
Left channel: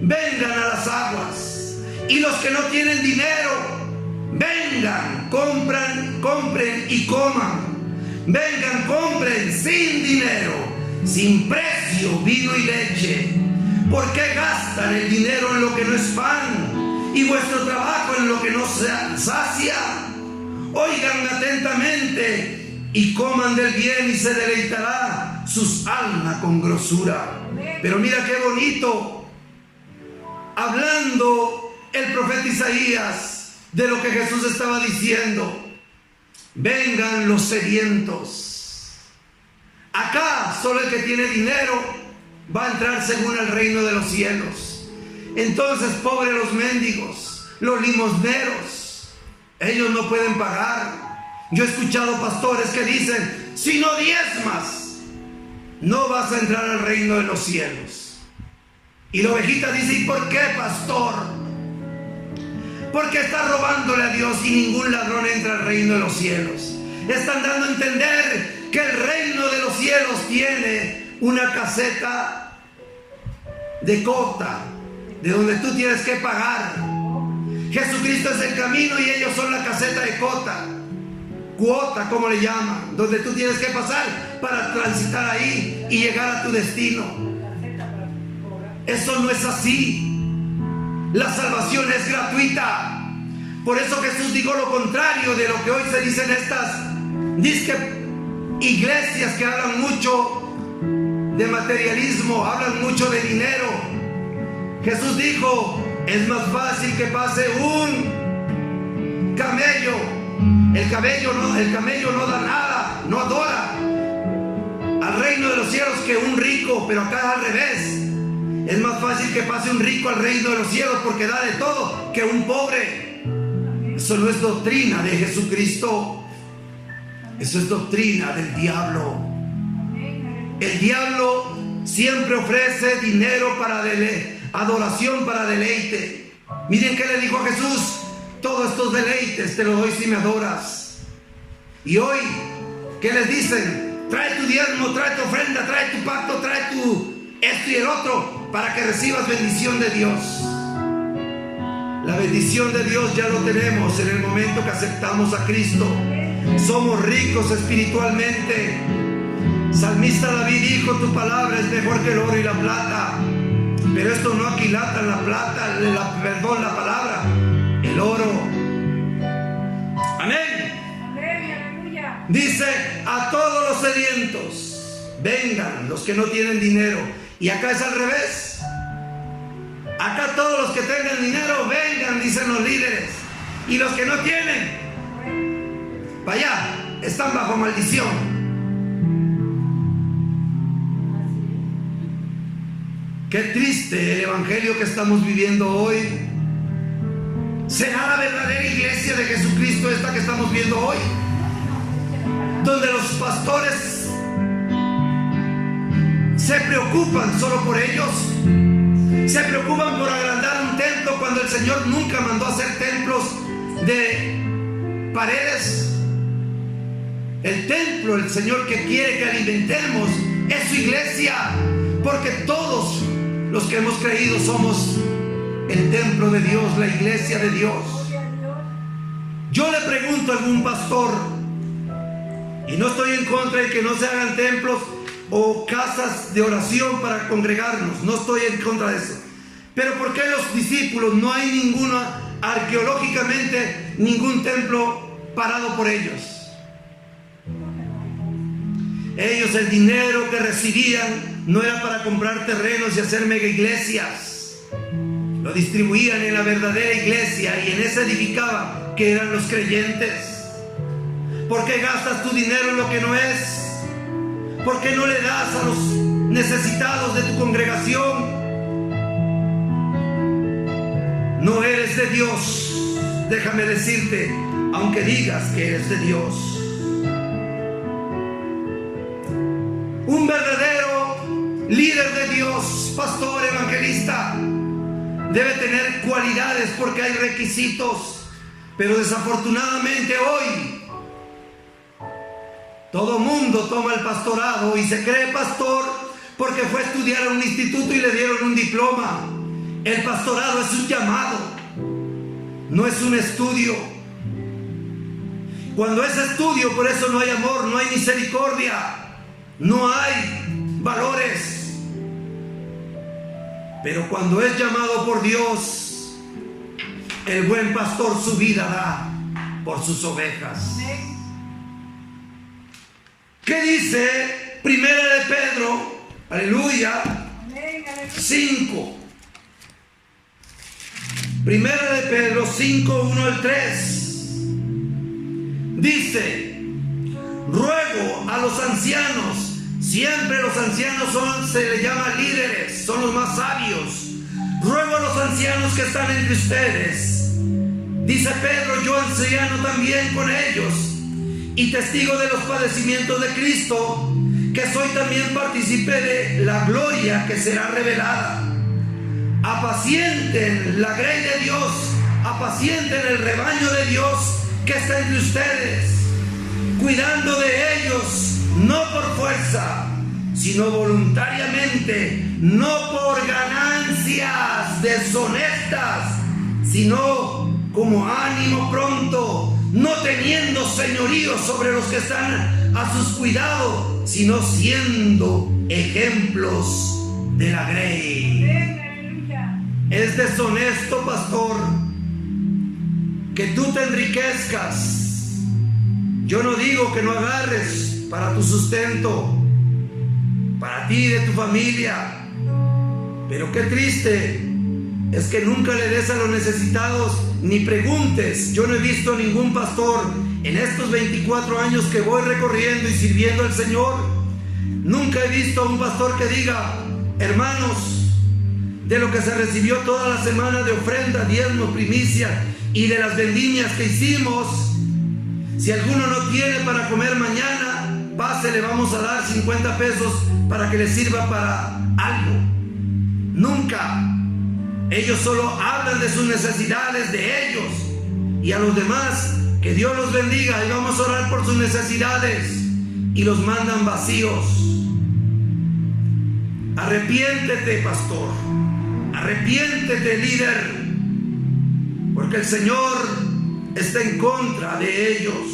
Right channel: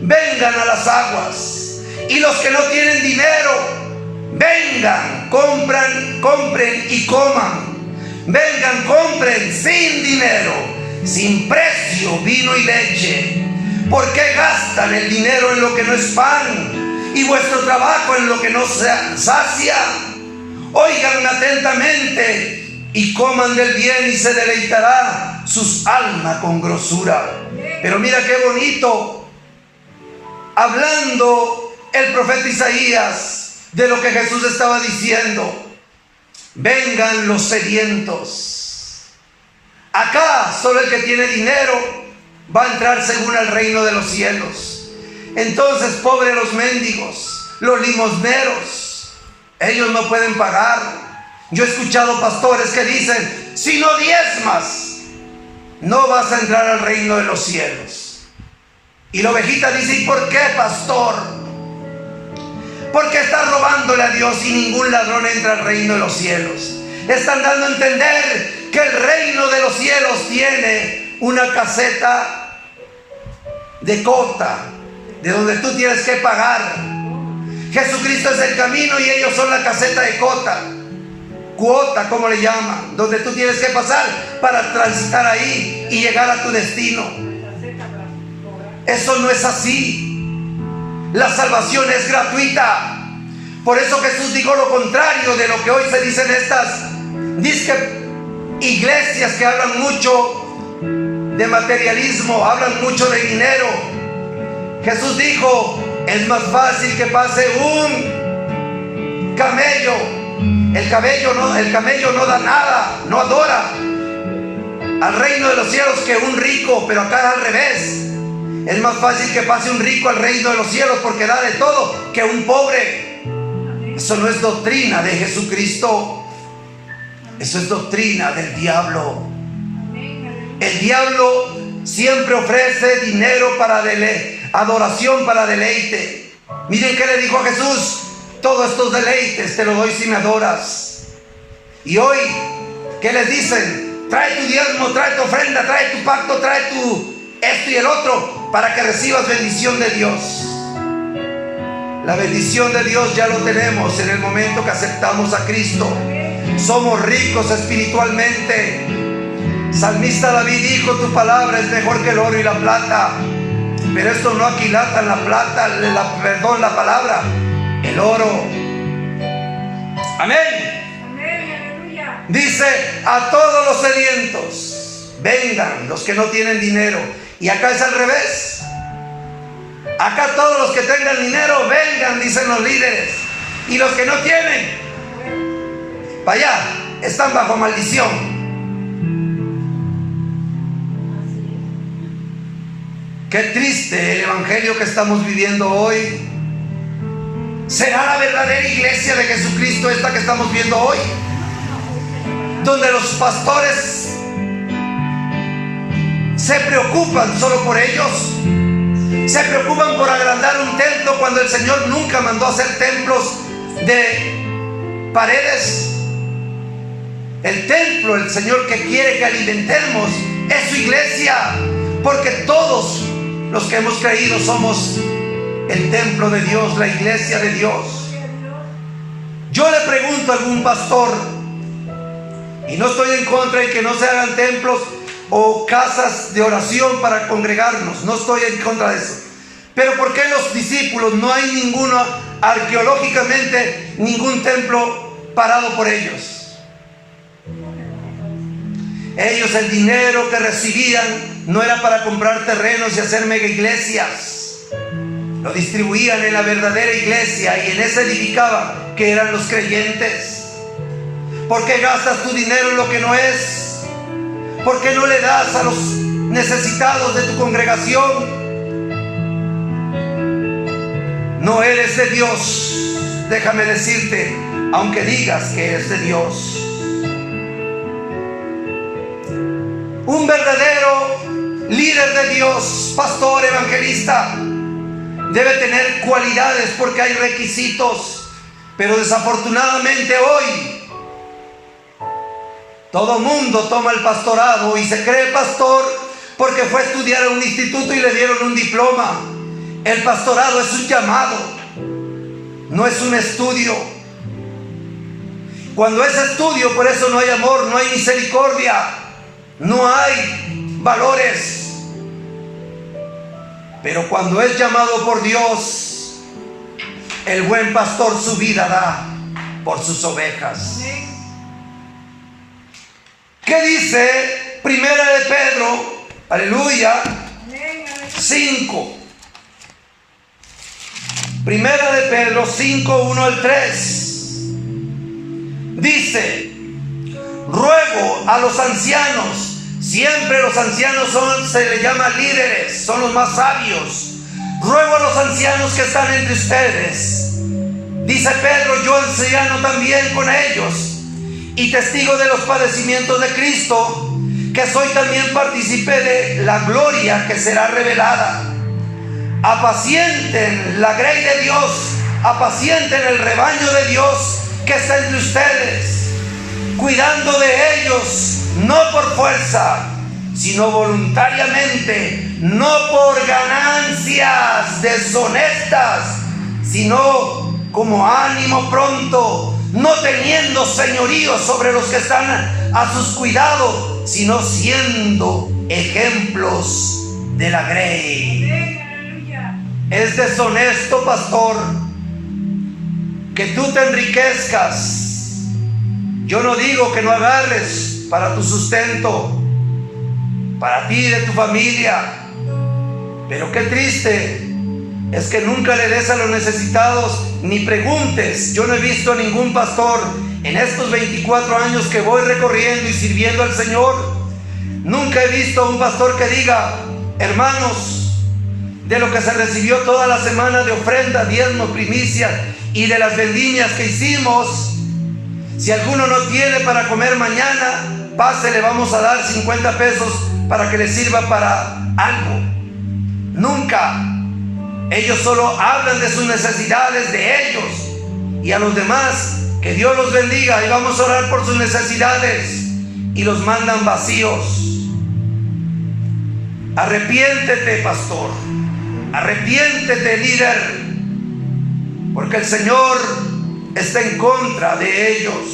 vengan a las aguas. Y los que no tienen dinero, vengan, compren y coman. Vengan, compren sin dinero, sin precio, vino y leche. ¿Por qué gastan el dinero en lo que no es pan y vuestro trabajo en lo que no se sacia? Oigan atentamente y coman del bien, y se deleitará sus almas con grosura. Pero mira qué bonito, hablando el profeta Isaías, de lo que Jesús estaba diciendo. Vengan los sedientos. Acá solo el que tiene dinero va a entrar según el reino de los cielos. Entonces, pobres los mendigos, los limosneros, ellos no pueden pagar. Yo he escuchado pastores que dicen: si no diezmas, no vas a entrar al reino de los cielos. Y la ovejita dice: ¿y por qué, pastor? Porque estás robándole a Dios y ningún ladrón entra al reino de los cielos. Están dando a entender que el reino de los cielos tiene una caseta de cota, de donde tú tienes que pagar. Jesucristo es el camino y ellos son la caseta de cota. Cuota, como le llaman, donde tú tienes que pasar para transitar ahí y llegar a tu destino. Eso no es así. La salvación es gratuita. Por eso Jesús dijo lo contrario de lo que hoy se dice en estas iglesias que hablan mucho de materialismo, hablan mucho de dinero. Jesús dijo: es más fácil que pase un camello. El camello no da nada, no adora al reino de los cielos que un rico, pero acá es al revés. Es más fácil que pase un rico al reino de los cielos porque da de todo que un pobre. Eso no es doctrina de Jesucristo. Eso es doctrina del diablo. El diablo siempre ofrece dinero para adoración, para deleite. Miren qué le dijo a Jesús: todos estos deleites te los doy si me adoras. Y hoy, ¿qué les dicen? Trae tu diezmo, trae tu ofrenda, trae tu pacto, trae tu esto y el otro, para que recibas bendición de Dios. La bendición de Dios ya lo tenemos en el momento que aceptamos a Cristo. Somos ricos espiritualmente. Salmista David dijo: tu palabra es mejor que el oro y la plata. Pero esto no aquilatan la plata, la palabra, el oro. Amén. Dice: a todos los sedientos, vengan los que no tienen dinero. Y acá es al revés. Acá todos los que tengan dinero, vengan, dicen los líderes. Y los que no tienen, para allá, están bajo maldición. Qué triste el evangelio que estamos viviendo hoy. ¿Será la verdadera iglesia de Jesucristo esta que estamos viendo hoy? Donde los pastores se preocupan solo por ellos. Se preocupan por agrandar un templo cuando el Señor nunca mandó hacer templos de paredes. El templo, el Señor que quiere que alimentemos, es su iglesia, porque todos los que hemos creído somos el templo de Dios, la iglesia de Dios. Yo le pregunto a algún pastor, y no estoy en contra de que no se hagan templos o casas de oración para congregarnos, no estoy en contra de eso, pero ¿por qué los discípulos no hay ninguno, arqueológicamente, ningún templo parado por ellos? Ellos, el dinero que recibían no era para comprar terrenos y hacer mega iglesias. Lo distribuían en la verdadera iglesia y en esa edificaban, que eran los creyentes. ¿Por qué gastas tu dinero en lo que no es? ¿Por qué no le das a los necesitados de tu congregación? No eres de Dios, déjame decirte, aunque digas que eres de Dios. Un verdadero líder de Dios, pastor, evangelista, debe tener cualidades porque hay requisitos. Pero desafortunadamente hoy todo mundo toma el pastorado y se cree pastor porque fue a estudiar a un instituto y le dieron un diploma. El pastorado es un llamado, no es un estudio. Cuando es estudio, por eso no hay amor, no hay misericordia, no hay valores. Pero cuando es llamado por Dios, el buen pastor su vida da por sus ovejas. ¿Qué dice Primera de Pedro? Aleluya. 5. Primera de Pedro 5, 1 al 3. Dice: ruego a los ancianos. Siempre los ancianos se les llama líderes, son los más sabios. Ruego a los ancianos que están entre ustedes. Dice Pedro: yo anciano también con ellos, y testigo de los padecimientos de Cristo, que soy también partícipe de la gloria que será revelada. Apacienten la grey de Dios, apacienten el rebaño de Dios que está entre ustedes, cuidando de ellos, no por fuerza, sino voluntariamente, no por ganancias deshonestas, sino como ánimo pronto, no teniendo señorío sobre los que están a sus cuidados, sino siendo ejemplos de la grey. Es deshonesto, pastor, que tú te enriquezcas. Yo no digo que no agarres para tu sustento, para ti y de tu familia, pero qué triste es que nunca le des a los necesitados, ni preguntes. Yo no he visto a ningún pastor en estos 24 años que voy recorriendo y sirviendo al Señor. Nunca he visto a un pastor que diga: hermanos, de lo que se recibió toda la semana de ofrenda, diezmo, primicia y de las vendimias que hicimos, si alguno no tiene para comer mañana, pase, le vamos a dar 50 pesos para que le sirva para algo. Nunca. Ellos solo hablan de sus necesidades, de ellos, y a los demás, que Dios los bendiga, y vamos a orar por sus necesidades, y los mandan vacíos. Arrepiéntete, pastor, arrepiéntete, líder, porque el Señor está en contra de ellos.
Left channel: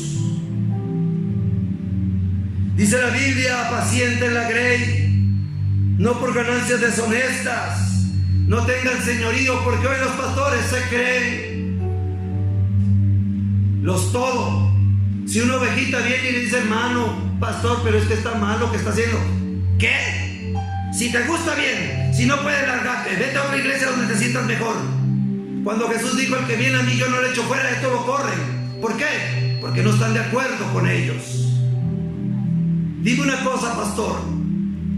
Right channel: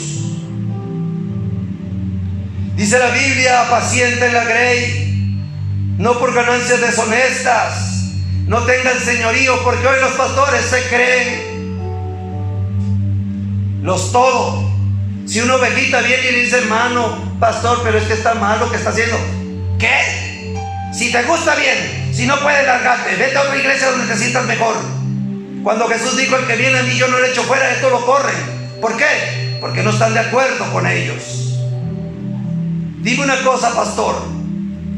Dice la Biblia: apacienten la grey, no por ganancias deshonestas, no tengan señorío, porque hoy los pastores se creen los todo. Si una ovejita viene y le dice: hermano, pastor, pero es que está mal lo que está haciendo. ¿Qué? Si te gusta, bien. Si no puedes, largarte, vete a otra iglesia donde te sientas mejor. Cuando Jesús dijo: el que viene a mí yo no le echo fuera, esto lo corren. ¿Por qué? Porque no están de acuerdo con ellos. Dime una cosa, pastor,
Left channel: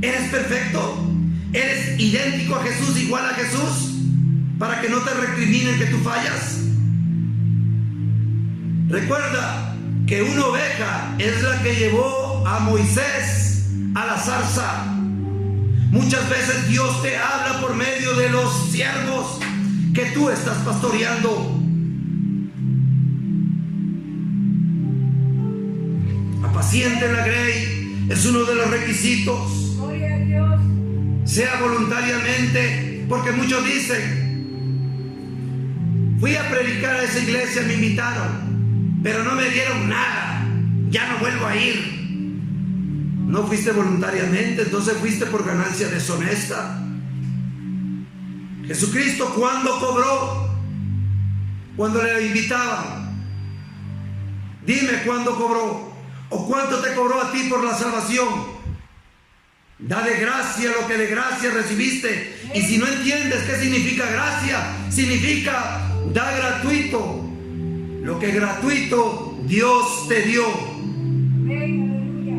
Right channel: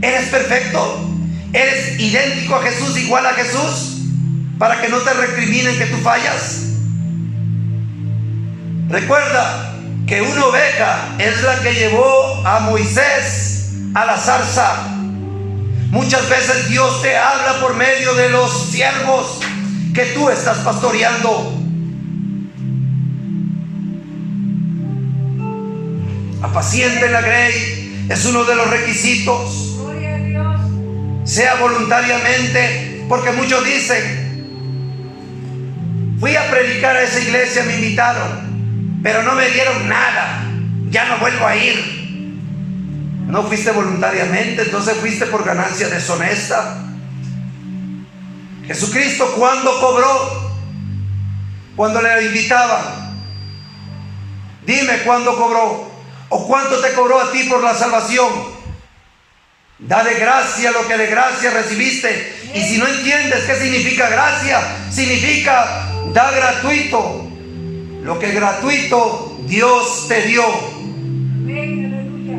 ¿eres perfecto? ¿Eres idéntico a Jesús, igual a Jesús, para que no te recriminen que tú fallas? Recuerda que una oveja es la que llevó a Moisés a la zarza. Muchas veces Dios te habla por medio de los siervos que tú estás pastoreando. Apacienten la grey, es uno de los requisitos. Gloria a Dios. Sea voluntariamente, porque muchos dicen: fui a predicar a esa iglesia, me invitaron, pero no me dieron nada, ya no vuelvo a ir. No fuiste voluntariamente, entonces fuiste por ganancia deshonesta. Jesucristo, ¿cuándo cobró? Cuando le invitaban. Dime cuándo cobró, o cuánto te cobró a ti por la salvación. Da de gracia lo que de gracia recibiste. Y si no entiendes qué significa gracia, significa da gratuito lo que gratuito Dios te dio. Amén, aleluya.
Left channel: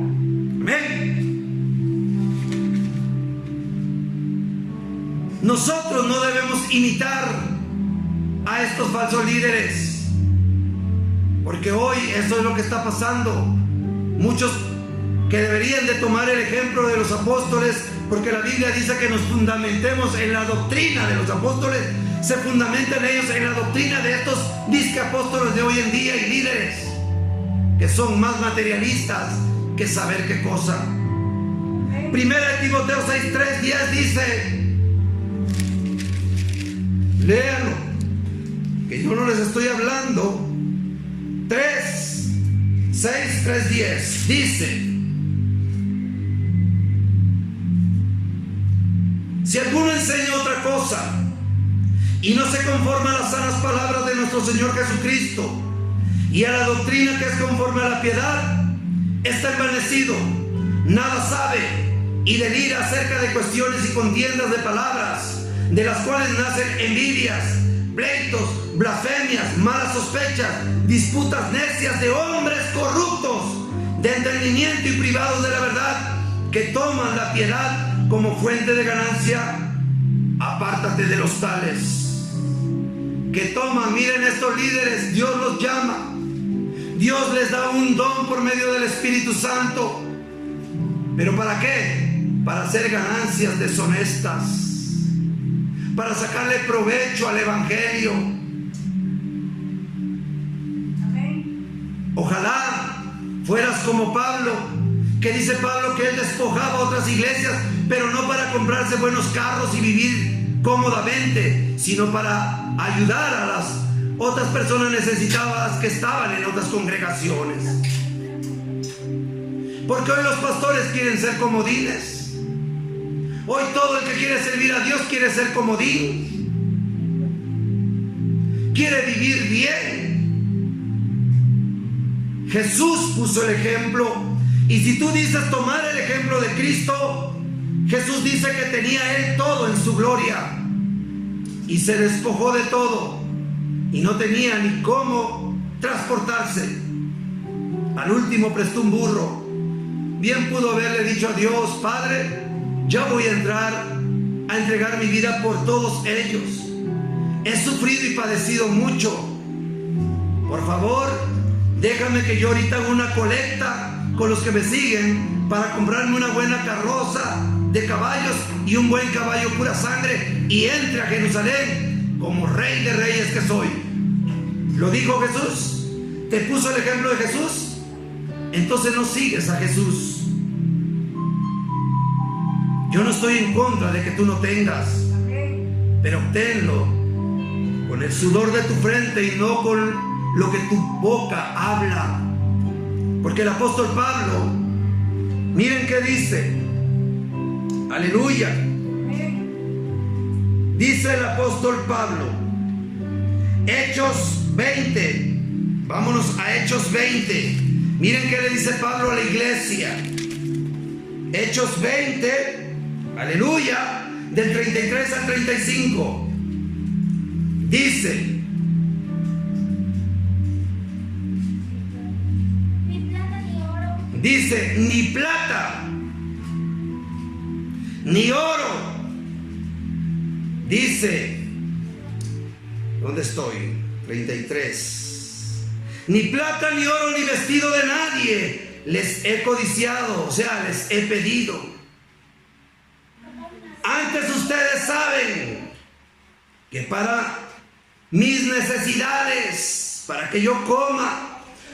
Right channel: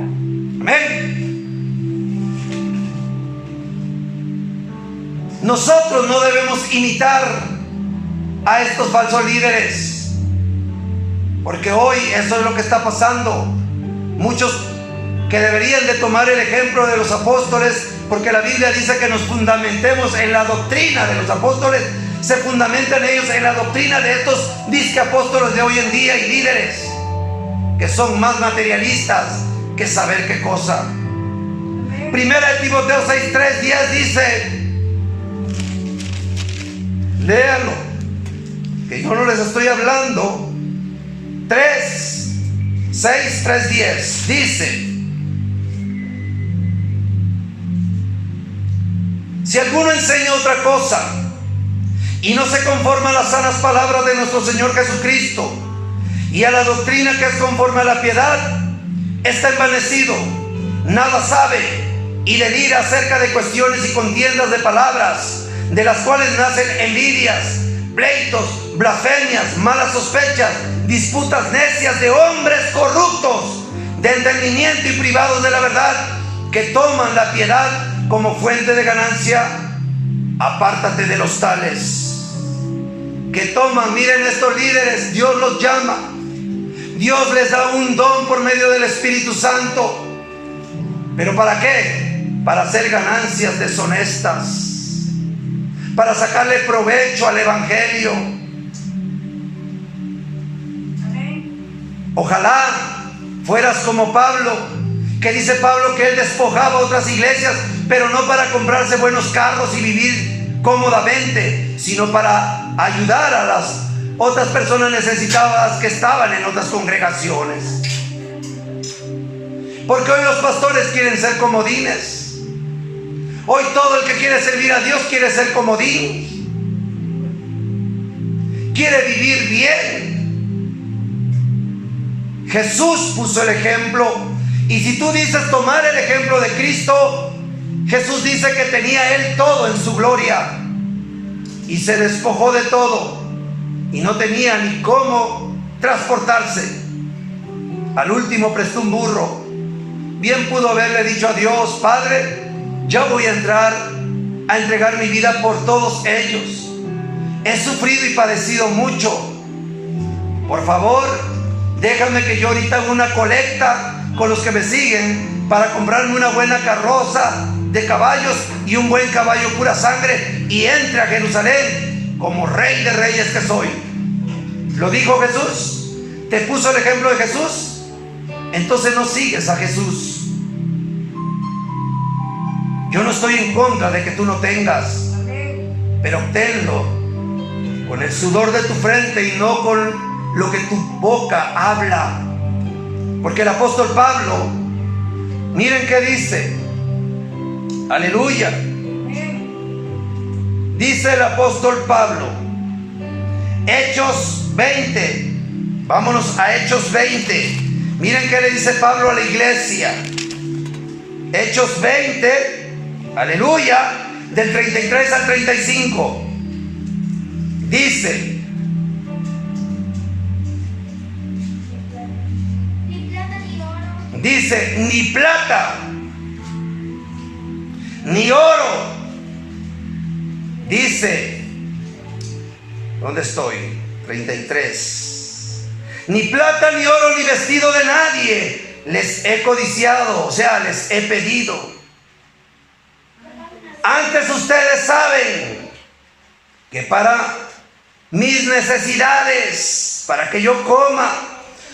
Amén. Nosotros no debemos imitar a estos falsos líderes, porque hoy eso es lo que está pasando. Muchos que deberían de tomar el ejemplo de los apóstoles, porque la Biblia dice que nos fundamentemos en la doctrina de los apóstoles. Se fundamentan ellos en la doctrina de estos disque apóstoles de hoy en día y líderes que son más materialistas que saber qué cosa. Primera de Timoteo 6:3-10 dice, léalo, que yo no les estoy hablando. 3:6-3:10 dice: si alguno enseña otra cosa y no se conforma a las sanas palabras de nuestro Señor Jesucristo y a la doctrina que es conforme a la piedad, está envanecido, nada sabe y delira acerca de cuestiones y contiendas de palabras, de las cuales nacen envidias, pleitos, blasfemias, malas sospechas, disputas necias de hombres corruptos de entendimiento y privados de la verdad, que toman la piedad como fuente de ganancia. Apártate de los tales que toman, miren estos líderes, Dios los llama, Dios les da un don por medio del Espíritu Santo, pero ¿para qué? Para hacer ganancias deshonestas, para sacarle provecho al Evangelio. Ojalá fueras como Pablo, que dice Pablo que él despojaba a otras iglesias, pero no para comprarse buenos carros y vivir cómodamente, sino para ayudar a las otras personas necesitadas que estaban en otras congregaciones. Porque hoy los pastores quieren ser comodines. Hoy todo el que quiere servir a Dios quiere ser comodín, quiere vivir bien. Jesús puso el ejemplo, y si tú dices tomar el ejemplo de Cristo, Jesús dice que tenía Él todo en su gloria y se despojó de todo y no tenía ni cómo transportarse. Al último prestó un burro. Bien pudo haberle dicho a Dios: Padre, ya voy a entrar a entregar mi vida por todos ellos. He sufrido y padecido mucho. Por favor, déjame que yo ahorita haga una colecta con los que me siguen para comprarme una buena carroza de caballos y un buen caballo pura sangre, y entre a Jerusalén como rey de reyes que soy. ¿Lo dijo Jesús? ¿Te puso el ejemplo de Jesús? Entonces no sigues a Jesús. Yo no estoy en contra de que tú no tengas, pero obténlo con el sudor de tu frente y no con lo que tu boca habla. Porque el apóstol Pablo, miren qué dice. Aleluya. Dice el apóstol Pablo, Hechos 20. Vámonos a Hechos 20. Miren qué le dice Pablo a la iglesia. Hechos 20. Aleluya, del 33 al 35. Dice: ni plata, ni oro. Dice, ¿dónde estoy? 33. Ni plata, ni oro, ni vestido de nadie les he codiciado, o sea, les he pedido. Antes ustedes saben que para mis necesidades, para que yo coma,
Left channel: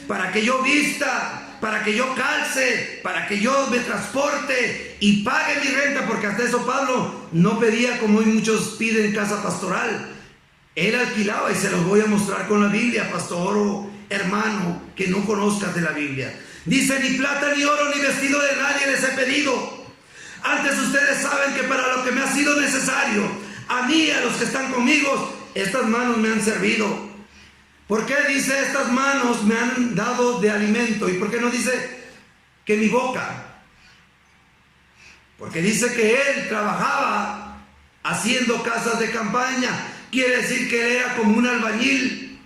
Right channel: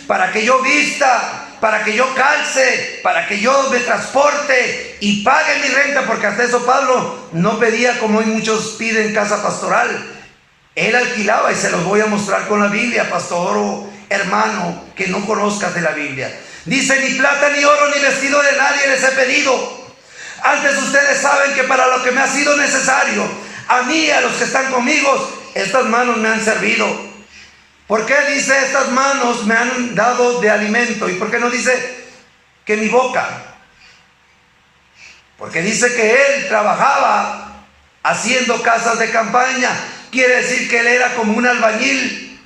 para que yo vista, para que yo calce, para que yo me transporte y pague mi renta, porque hasta eso Pablo no pedía como hoy muchos piden casa pastoral. Él alquilaba, y se los voy a mostrar con la Biblia, pastor o hermano que no conozcas de la Biblia. Dice: ni plata, ni oro, ni vestido de nadie les he pedido. Antes ustedes saben que para lo que me ha sido necesario, a mí y a los que están conmigo, estas manos me han servido. ¿Por qué dice estas manos me han dado de alimento? ¿Y por qué no dice que mi boca? Porque dice que él trabajaba haciendo casas de campaña. Quiere decir que él era como un albañil,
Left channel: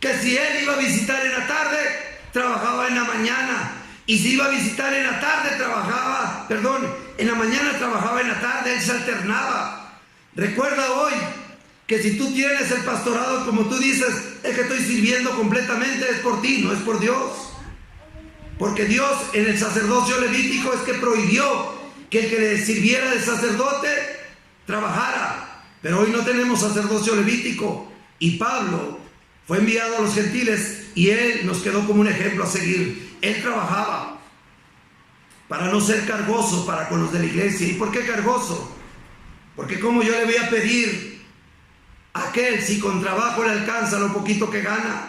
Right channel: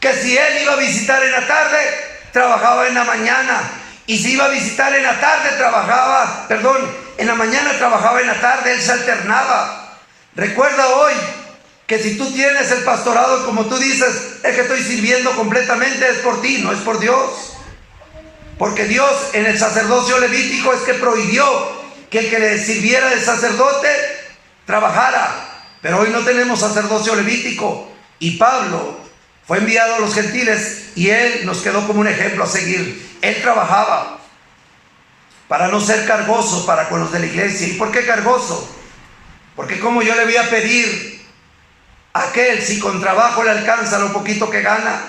que si él iba a visitar en la tarde, trabajaba en la mañana. Y si iba a visitar en la tarde, en la mañana trabajaba en la tarde, él se alternaba. Recuerda hoy que si tú tienes el pastorado, como tú dices, el que estoy sirviendo completamente es por ti, no es por Dios. Porque Dios en el sacerdocio levítico es que prohibió que el que le sirviera de sacerdote trabajara. Pero hoy no tenemos sacerdocio levítico. Y Pablo fue enviado a los gentiles y él nos quedó como un ejemplo a seguir. Él trabajaba para no ser cargoso para con los de la iglesia. ¿Y por qué cargoso? Porque como yo le voy a pedir a aquel si con trabajo le alcanza lo poquito que gana?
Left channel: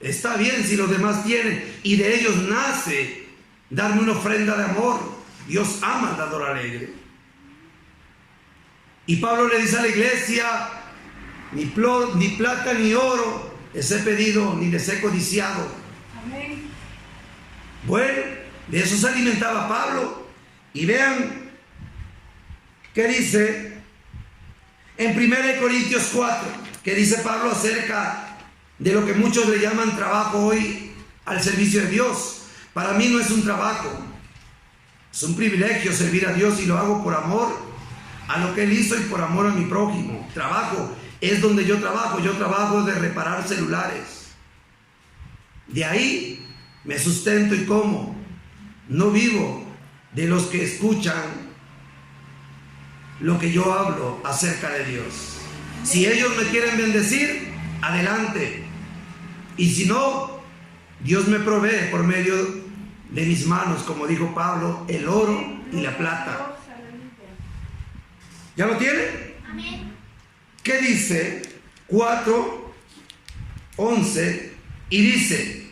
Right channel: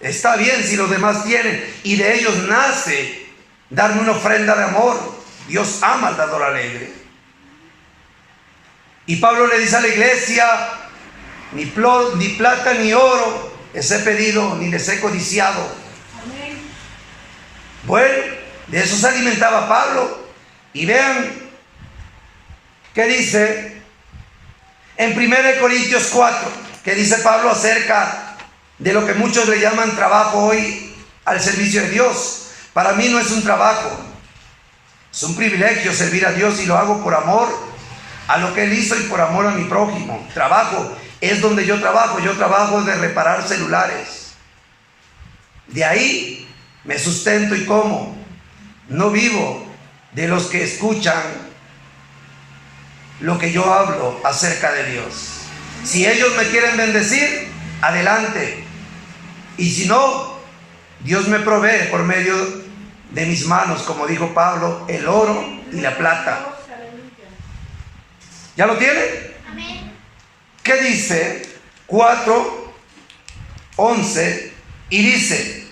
Está bien si los demás tienen, y de ellos nace darme una ofrenda de amor. Dios ama al dador alegre. Y Pablo le dice a la iglesia: ni plata ni oro les he pedido, ni les he codiciado. Amén. Bueno, de eso se alimentaba Pablo. Y vean qué dice en 1 Corintios 4, que dice Pablo acerca de lo que muchos le llaman trabajo hoy al servicio de Dios. Para mí no es un trabajo, es un privilegio servir a Dios y lo hago por amor a lo que Él hizo y por amor a mi prójimo. Trabajo es donde yo trabajo de reparar celulares. De ahí me sustento y como. No vivo de los que escuchan lo que yo hablo acerca de Dios. Si ellos me quieren bendecir, adelante. Y si no, Dios me provee por medio de mis manos, como dijo Pablo, el oro y la plata. ¿Ya lo tienen? Amén. ¿Qué dice? 4:11, y dice:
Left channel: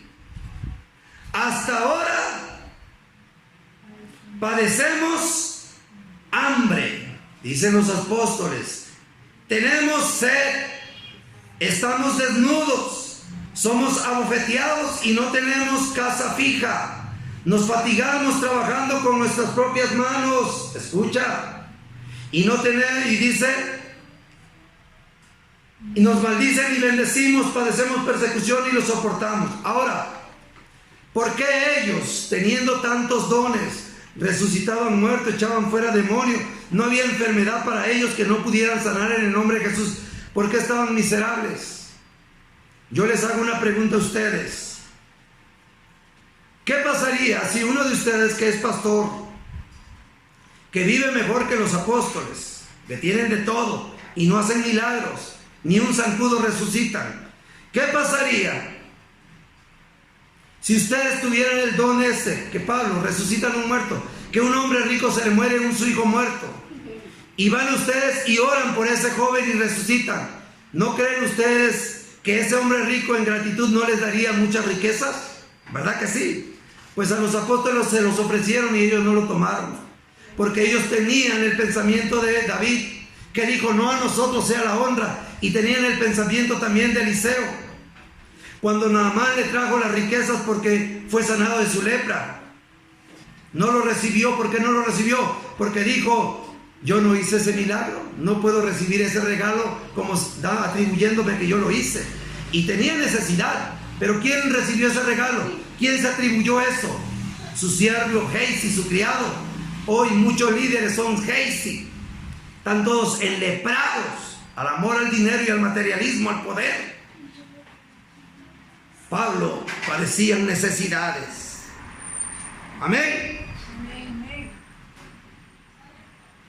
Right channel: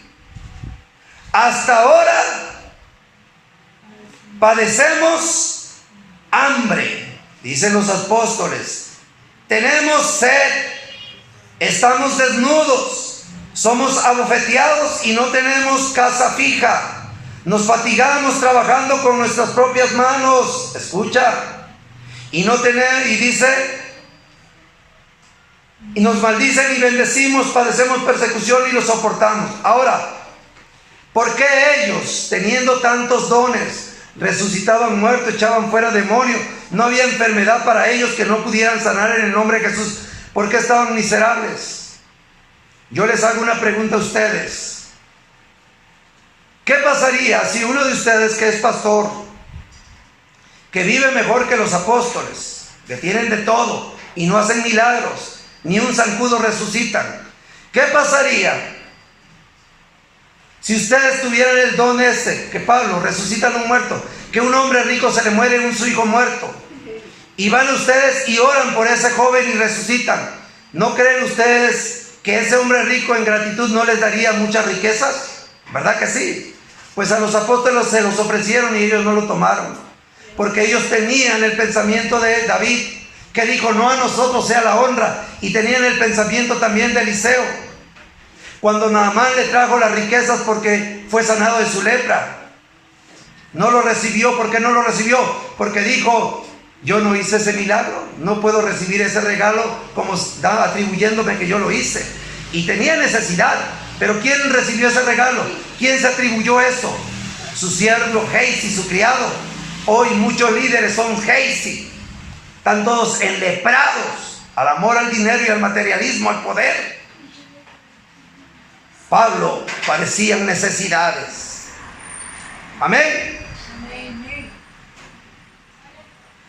hasta ahora padecemos hambre, dicen los apóstoles, tenemos sed, estamos desnudos, somos abofeteados y no tenemos casa fija, nos fatigamos trabajando con nuestras propias manos, escucha, y dice, y nos maldicen y bendecimos, padecemos persecución y lo soportamos. Ahora, ¿por qué ellos, teniendo tantos dones, resucitaban muertos, echaban fuera demonios? No había enfermedad para ellos que no pudieran sanar en el nombre de Jesús. ¿Por qué estaban miserables? Yo les hago una pregunta a ustedes. ¿Qué pasaría si uno de ustedes que es pastor, que vive mejor que los apóstoles, que tienen de todo y no hacen milagros, ni un zancudo resucitan? ¿Qué pasaría si ustedes tuvieran el don ese, que Pablo resucita a un muerto, que un hombre rico se le muere su hijo muerto, y van ustedes y oran por ese joven y resucitan? ¿No creen ustedes que ese hombre rico en gratitud no les daría muchas riquezas? ¿Verdad que sí? Pues a los apóstoles se los ofrecieron y ellos no lo tomaron, porque ellos tenían el pensamiento de David, que dijo: no a nosotros sea la honra, y tenían el pensamiento también de Eliseo, cuando Naamán le trajo las riquezas porque fue sanado de su lepra. No lo recibió. ¿Por qué no lo recibió? Porque dijo: yo no hice ese milagro, no puedo recibir ese regalo como atribuyéndome que yo lo hice. Y tenía necesidad, pero ¿quién recibió ese regalo? ¿Quién se atribuyó eso? Su siervo Gehazi, su criado. Hoy muchos líderes son Gehazi, están todos enleprados al amor al dinero y al materialismo, al poder. Pablo padecían necesidades. Amén.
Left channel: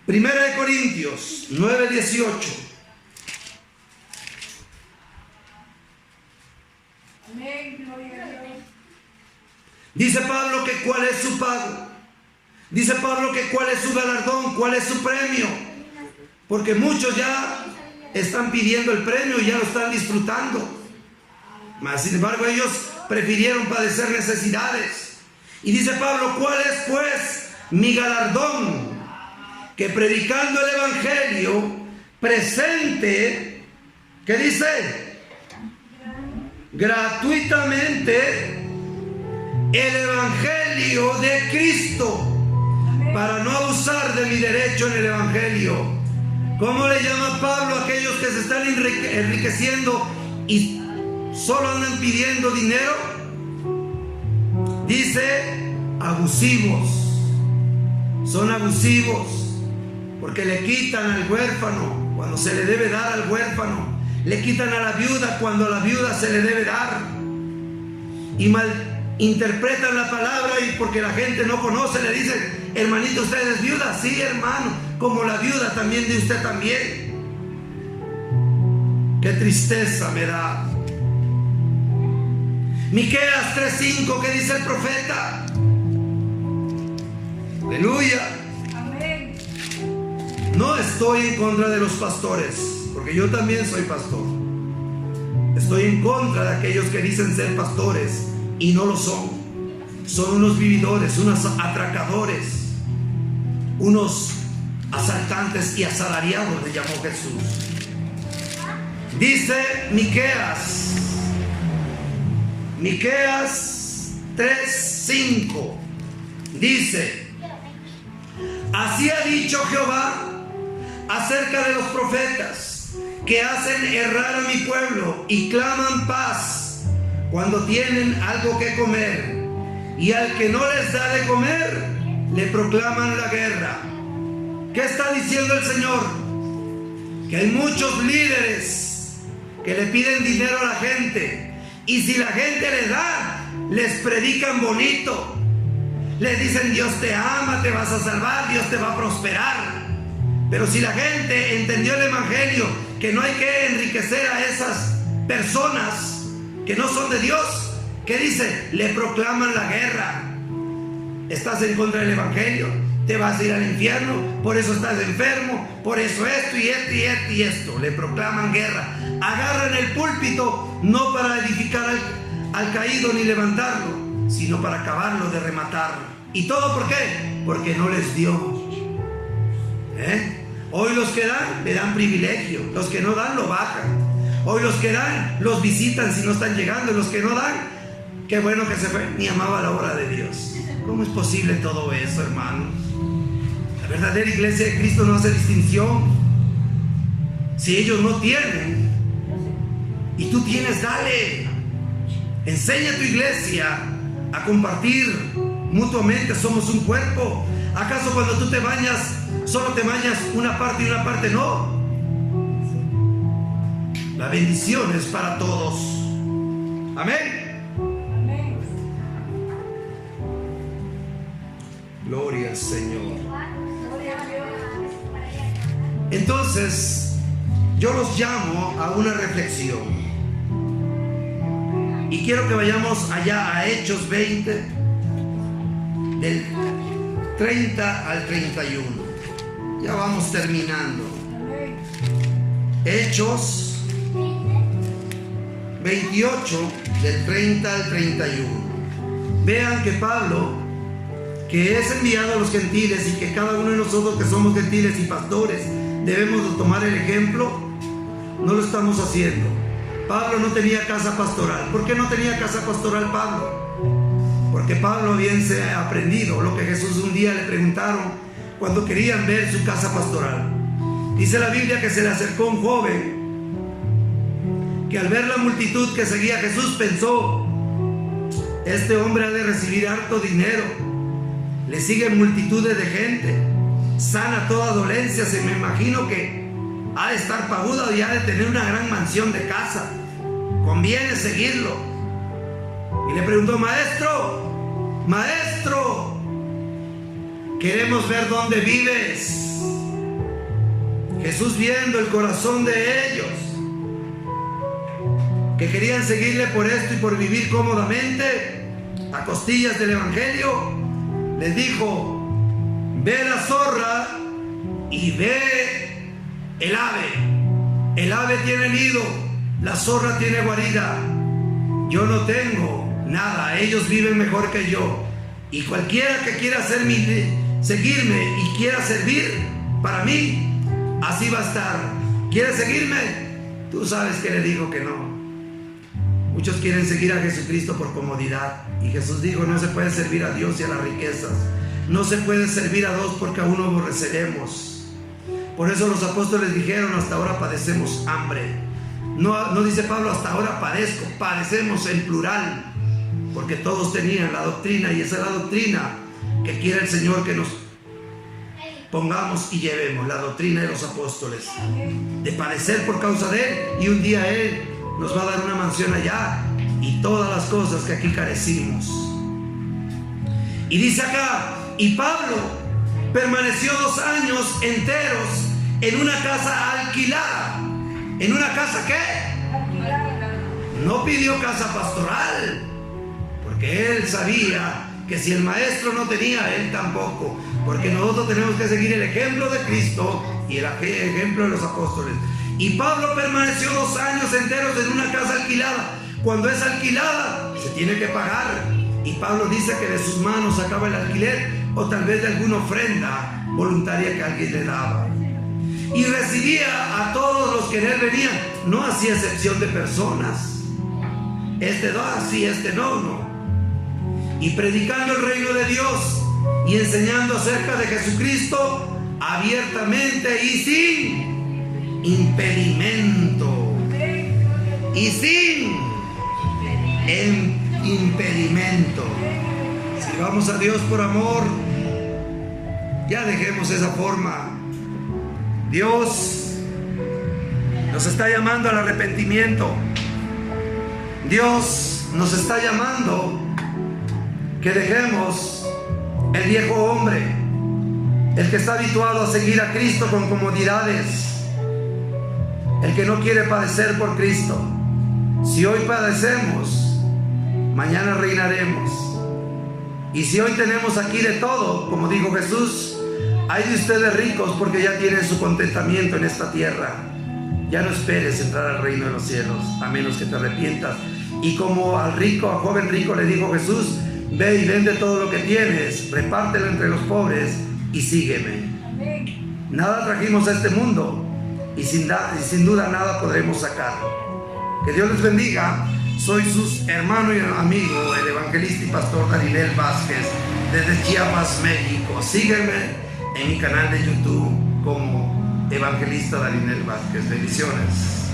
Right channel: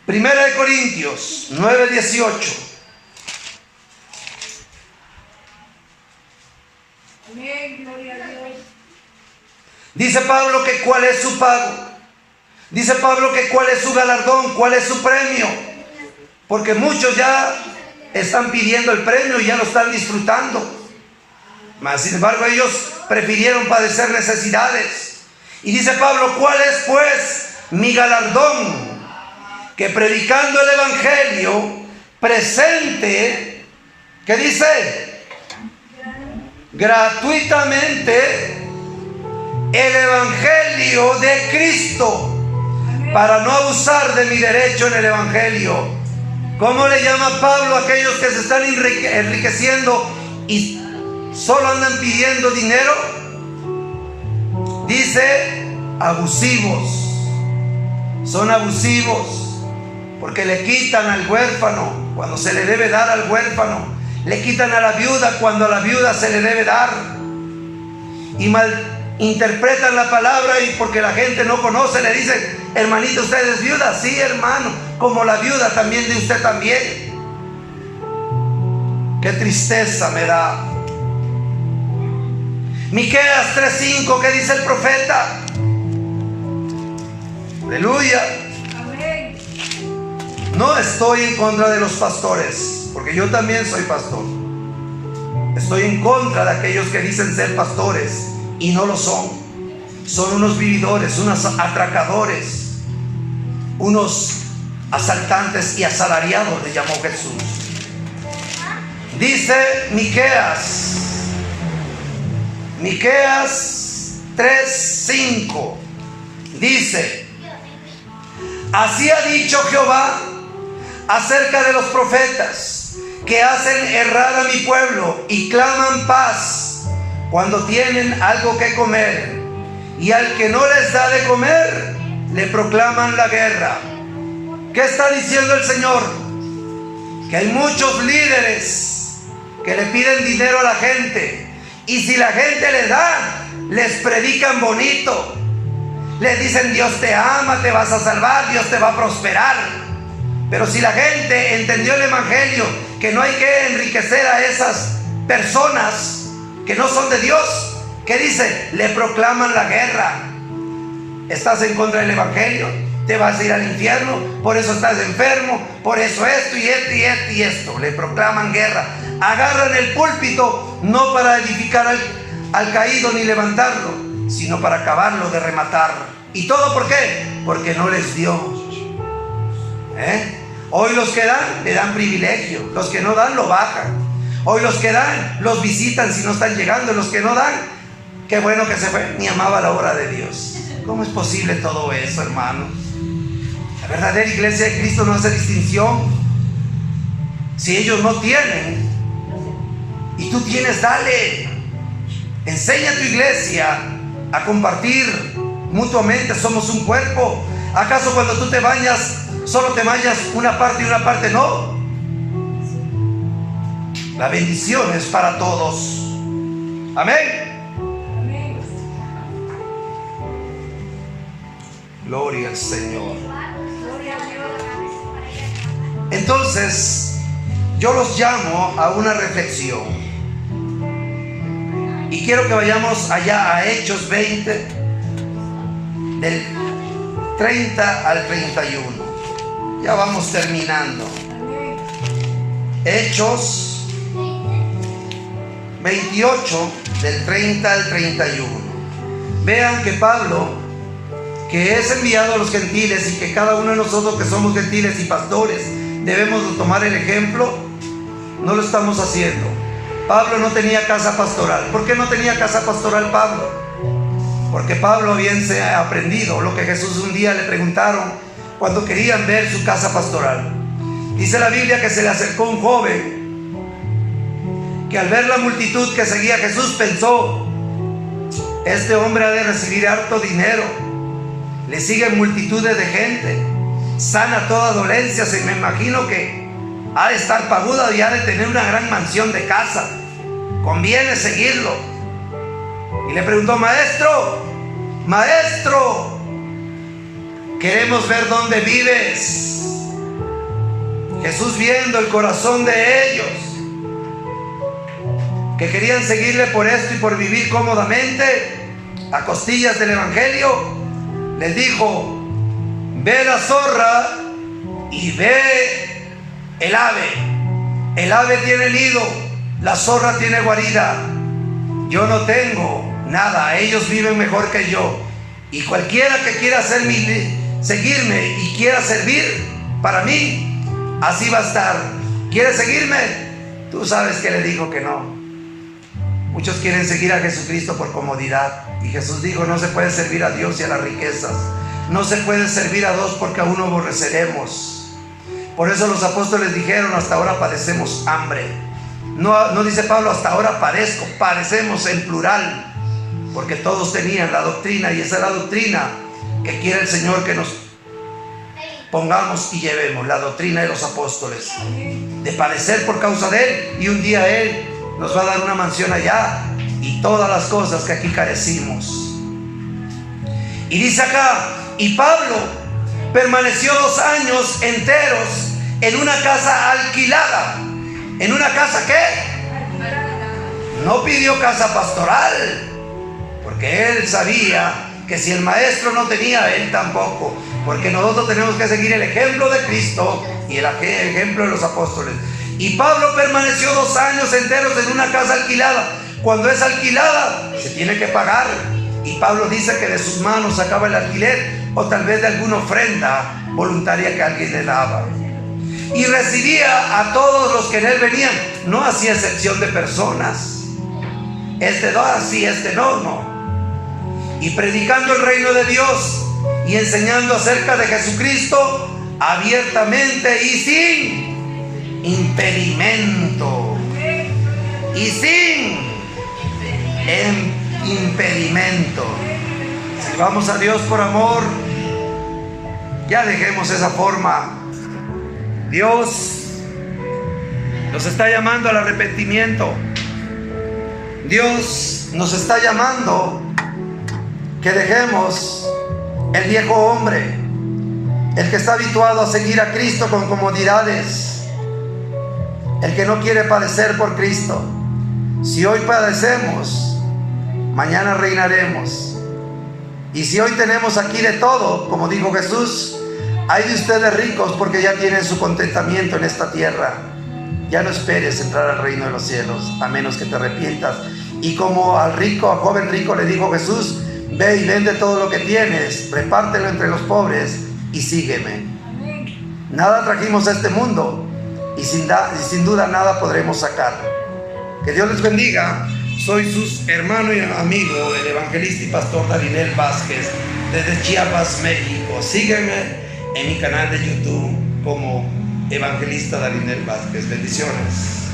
Primera de Corintios 9:18. Amén, gloria a Dios. Dice Pablo que cuál es su pago. Dice Pablo que cuál es su galardón, cuál es su premio. Porque muchos ya están pidiendo el premio y ya lo están disfrutando. Mas sin embargo ellos prefirieron padecer necesidades. Y dice Pablo: ¿cuál es pues mi galardón? Que predicando el evangelio presente, ¿qué dice? Gratuitamente el evangelio de Cristo, para no abusar de mi derecho en el evangelio. ¿Cómo le llama Pablo a aquellos que se están enriqueciendo y solo andan pidiendo dinero? Dice: abusivos. Son abusivos porque le quitan al huérfano cuando se le debe dar al huérfano, le quitan a la viuda cuando a la viuda se le debe dar, y malinterpretan la palabra, y porque la gente no conoce le dicen: hermanito, ¿usted es viuda? Sí, hermano, como la viuda también de usted también. Qué tristeza me da. Miqueas 3:5, ¿qué dice el profeta? Aleluya. Amén. No estoy en contra de los pastores, porque yo también soy pastor. Estoy en contra de aquellos que dicen ser pastores y no lo son. Son unos vividores, unos atracadores, unos asaltantes y asalariados, le llamó Jesús. Dice Miqueas 3:5, dice: así ha dicho Jehová, acerca de los profetas que hacen errar a mi pueblo y claman paz cuando tienen algo que comer, y al que no les da de comer le proclaman la guerra. ¿Qué está diciendo el Señor? Que hay muchos líderes que le piden dinero a la gente, y si la gente les da, les predican bonito, les dicen Dios te ama, te vas a salvar, Dios te va a prosperar. Pero si la gente entendió el evangelio, que no hay que enriquecer a esas personas que no son de Dios, ¿qué dice? Le proclaman la guerra. Estás en contra del evangelio, te vas a ir al infierno, por eso estás enfermo, por eso esto y esto y esto y esto. Le proclaman guerra. Agarran el púlpito no para edificar al caído ni levantarlo, sino para acabarlo de rematar. ¿Y todo por qué? Porque no les dio. Hoy los que dan, le dan privilegio. Los que no dan, lo bajan. Hoy los que dan, los visitan si no están llegando. Los que no dan, qué bueno que se fue, ni amaba la obra de Dios. ¿Cómo es posible todo eso, hermano? La verdadera iglesia de Cristo no hace distinción. Si ellos no tienen y tú tienes, dale. Enseña a tu iglesia a compartir mutuamente. Somos un cuerpo. ¿Acaso cuando tú te bañas, solo te bañas una parte y una parte no? La bendición es para todos. Amén. Amén. Gloria al Señor. Gloria a Dios. Entonces, yo los llamo a una reflexión. Y quiero que vayamos allá a Hechos 20, del 30 al 31. Ya vamos terminando. Amén. Hechos 28, del 30 al 31. Vean que Pablo, que es enviado a los gentiles, y que cada uno de nosotros que somos gentiles y pastores debemos de tomar el ejemplo, no lo estamos haciendo. Pablo no tenía casa pastoral. ¿Por qué no tenía casa pastoral Pablo? Porque Pablo había aprendido lo que Jesús un día le preguntaron cuando querían ver su casa pastoral. Dice la Biblia que se le acercó un joven que al ver la multitud que seguía a Jesús pensó: este hombre ha de recibir harto dinero, le siguen multitudes de gente, sana toda dolencia, se me imagino que ha de estar paguda y ha de tener una gran mansión de casa, conviene seguirlo. Y le preguntó: maestro, queremos ver dónde vives. Jesús, viendo el corazón de ellos, que querían seguirle por esto y por vivir cómodamente a costillas del evangelio, les dijo: ve la zorra y ve el ave. El ave tiene nido, la zorra tiene guarida. Yo no tengo nada, ellos viven mejor que yo. Y cualquiera que quiera seguirme y quiera servir para mí, así va a estar. ¿Quiere seguirme? Tú sabes que le dijo que no. Muchos quieren seguir a Jesucristo por comodidad, y Jesús dijo: no se puede servir a Dios y a las riquezas. No se puede servir a dos, porque a uno aborreceremos. Por eso los apóstoles dijeron: hasta ahora padecemos hambre. No dice Pablo: hasta ahora padecemos en plural, porque todos tenían la doctrina, y esa es la doctrina que quiere el Señor que nos pongamos y llevemos, la doctrina de los apóstoles, de padecer por causa de Él, y un día Él nos va a dar una mansión allá y todas las cosas que aquí carecimos. Y dice acá: y Pablo permaneció 2 años enteros en una casa alquilada. ¿En una casa qué? No pidió casa pastoral, porque él sabía que si el maestro no tenía, él tampoco. Porque nosotros tenemos que seguir el ejemplo de Cristo y el ejemplo de los apóstoles. Y Pablo permaneció 2 años enteros en una casa alquilada. Cuando es alquilada, se tiene que pagar. Y Pablo dice que de sus manos sacaba el alquiler, o tal vez de alguna ofrenda voluntaria que alguien le daba. Y recibía a todos los que en él venían. No hacía excepción de personas. Este no, así, este no. Y predicando el reino de Dios y enseñando acerca de Jesucristo, abiertamente y sin impedimento. Y sin impedimento. Sirvamos a Dios por amor. Ya dejemos esa forma. Dios nos está llamando al arrepentimiento. Dios nos está llamando que dejemos el viejo hombre, el que está habituado a seguir a Cristo con comodidades, el que no quiere padecer por Cristo. Si hoy padecemos, mañana reinaremos. Y si hoy tenemos aquí de todo, como dijo Jesús, hay de ustedes ricos porque ya tienen su contentamiento en esta tierra. Ya no esperes entrar al reino de los cielos, a menos que te arrepientas. Y como al joven rico le dijo Jesús, ve y vende todo lo que tienes, repártelo entre los pobres y sígueme. Nada trajimos a este mundo y sin duda nada podremos sacar. Que Dios les bendiga. Soy su hermano y amigo, el evangelista y pastor Darinel Vázquez, desde Chiapas, México. Sígueme en mi canal de YouTube como Evangelista Darinel Vázquez. Bendiciones.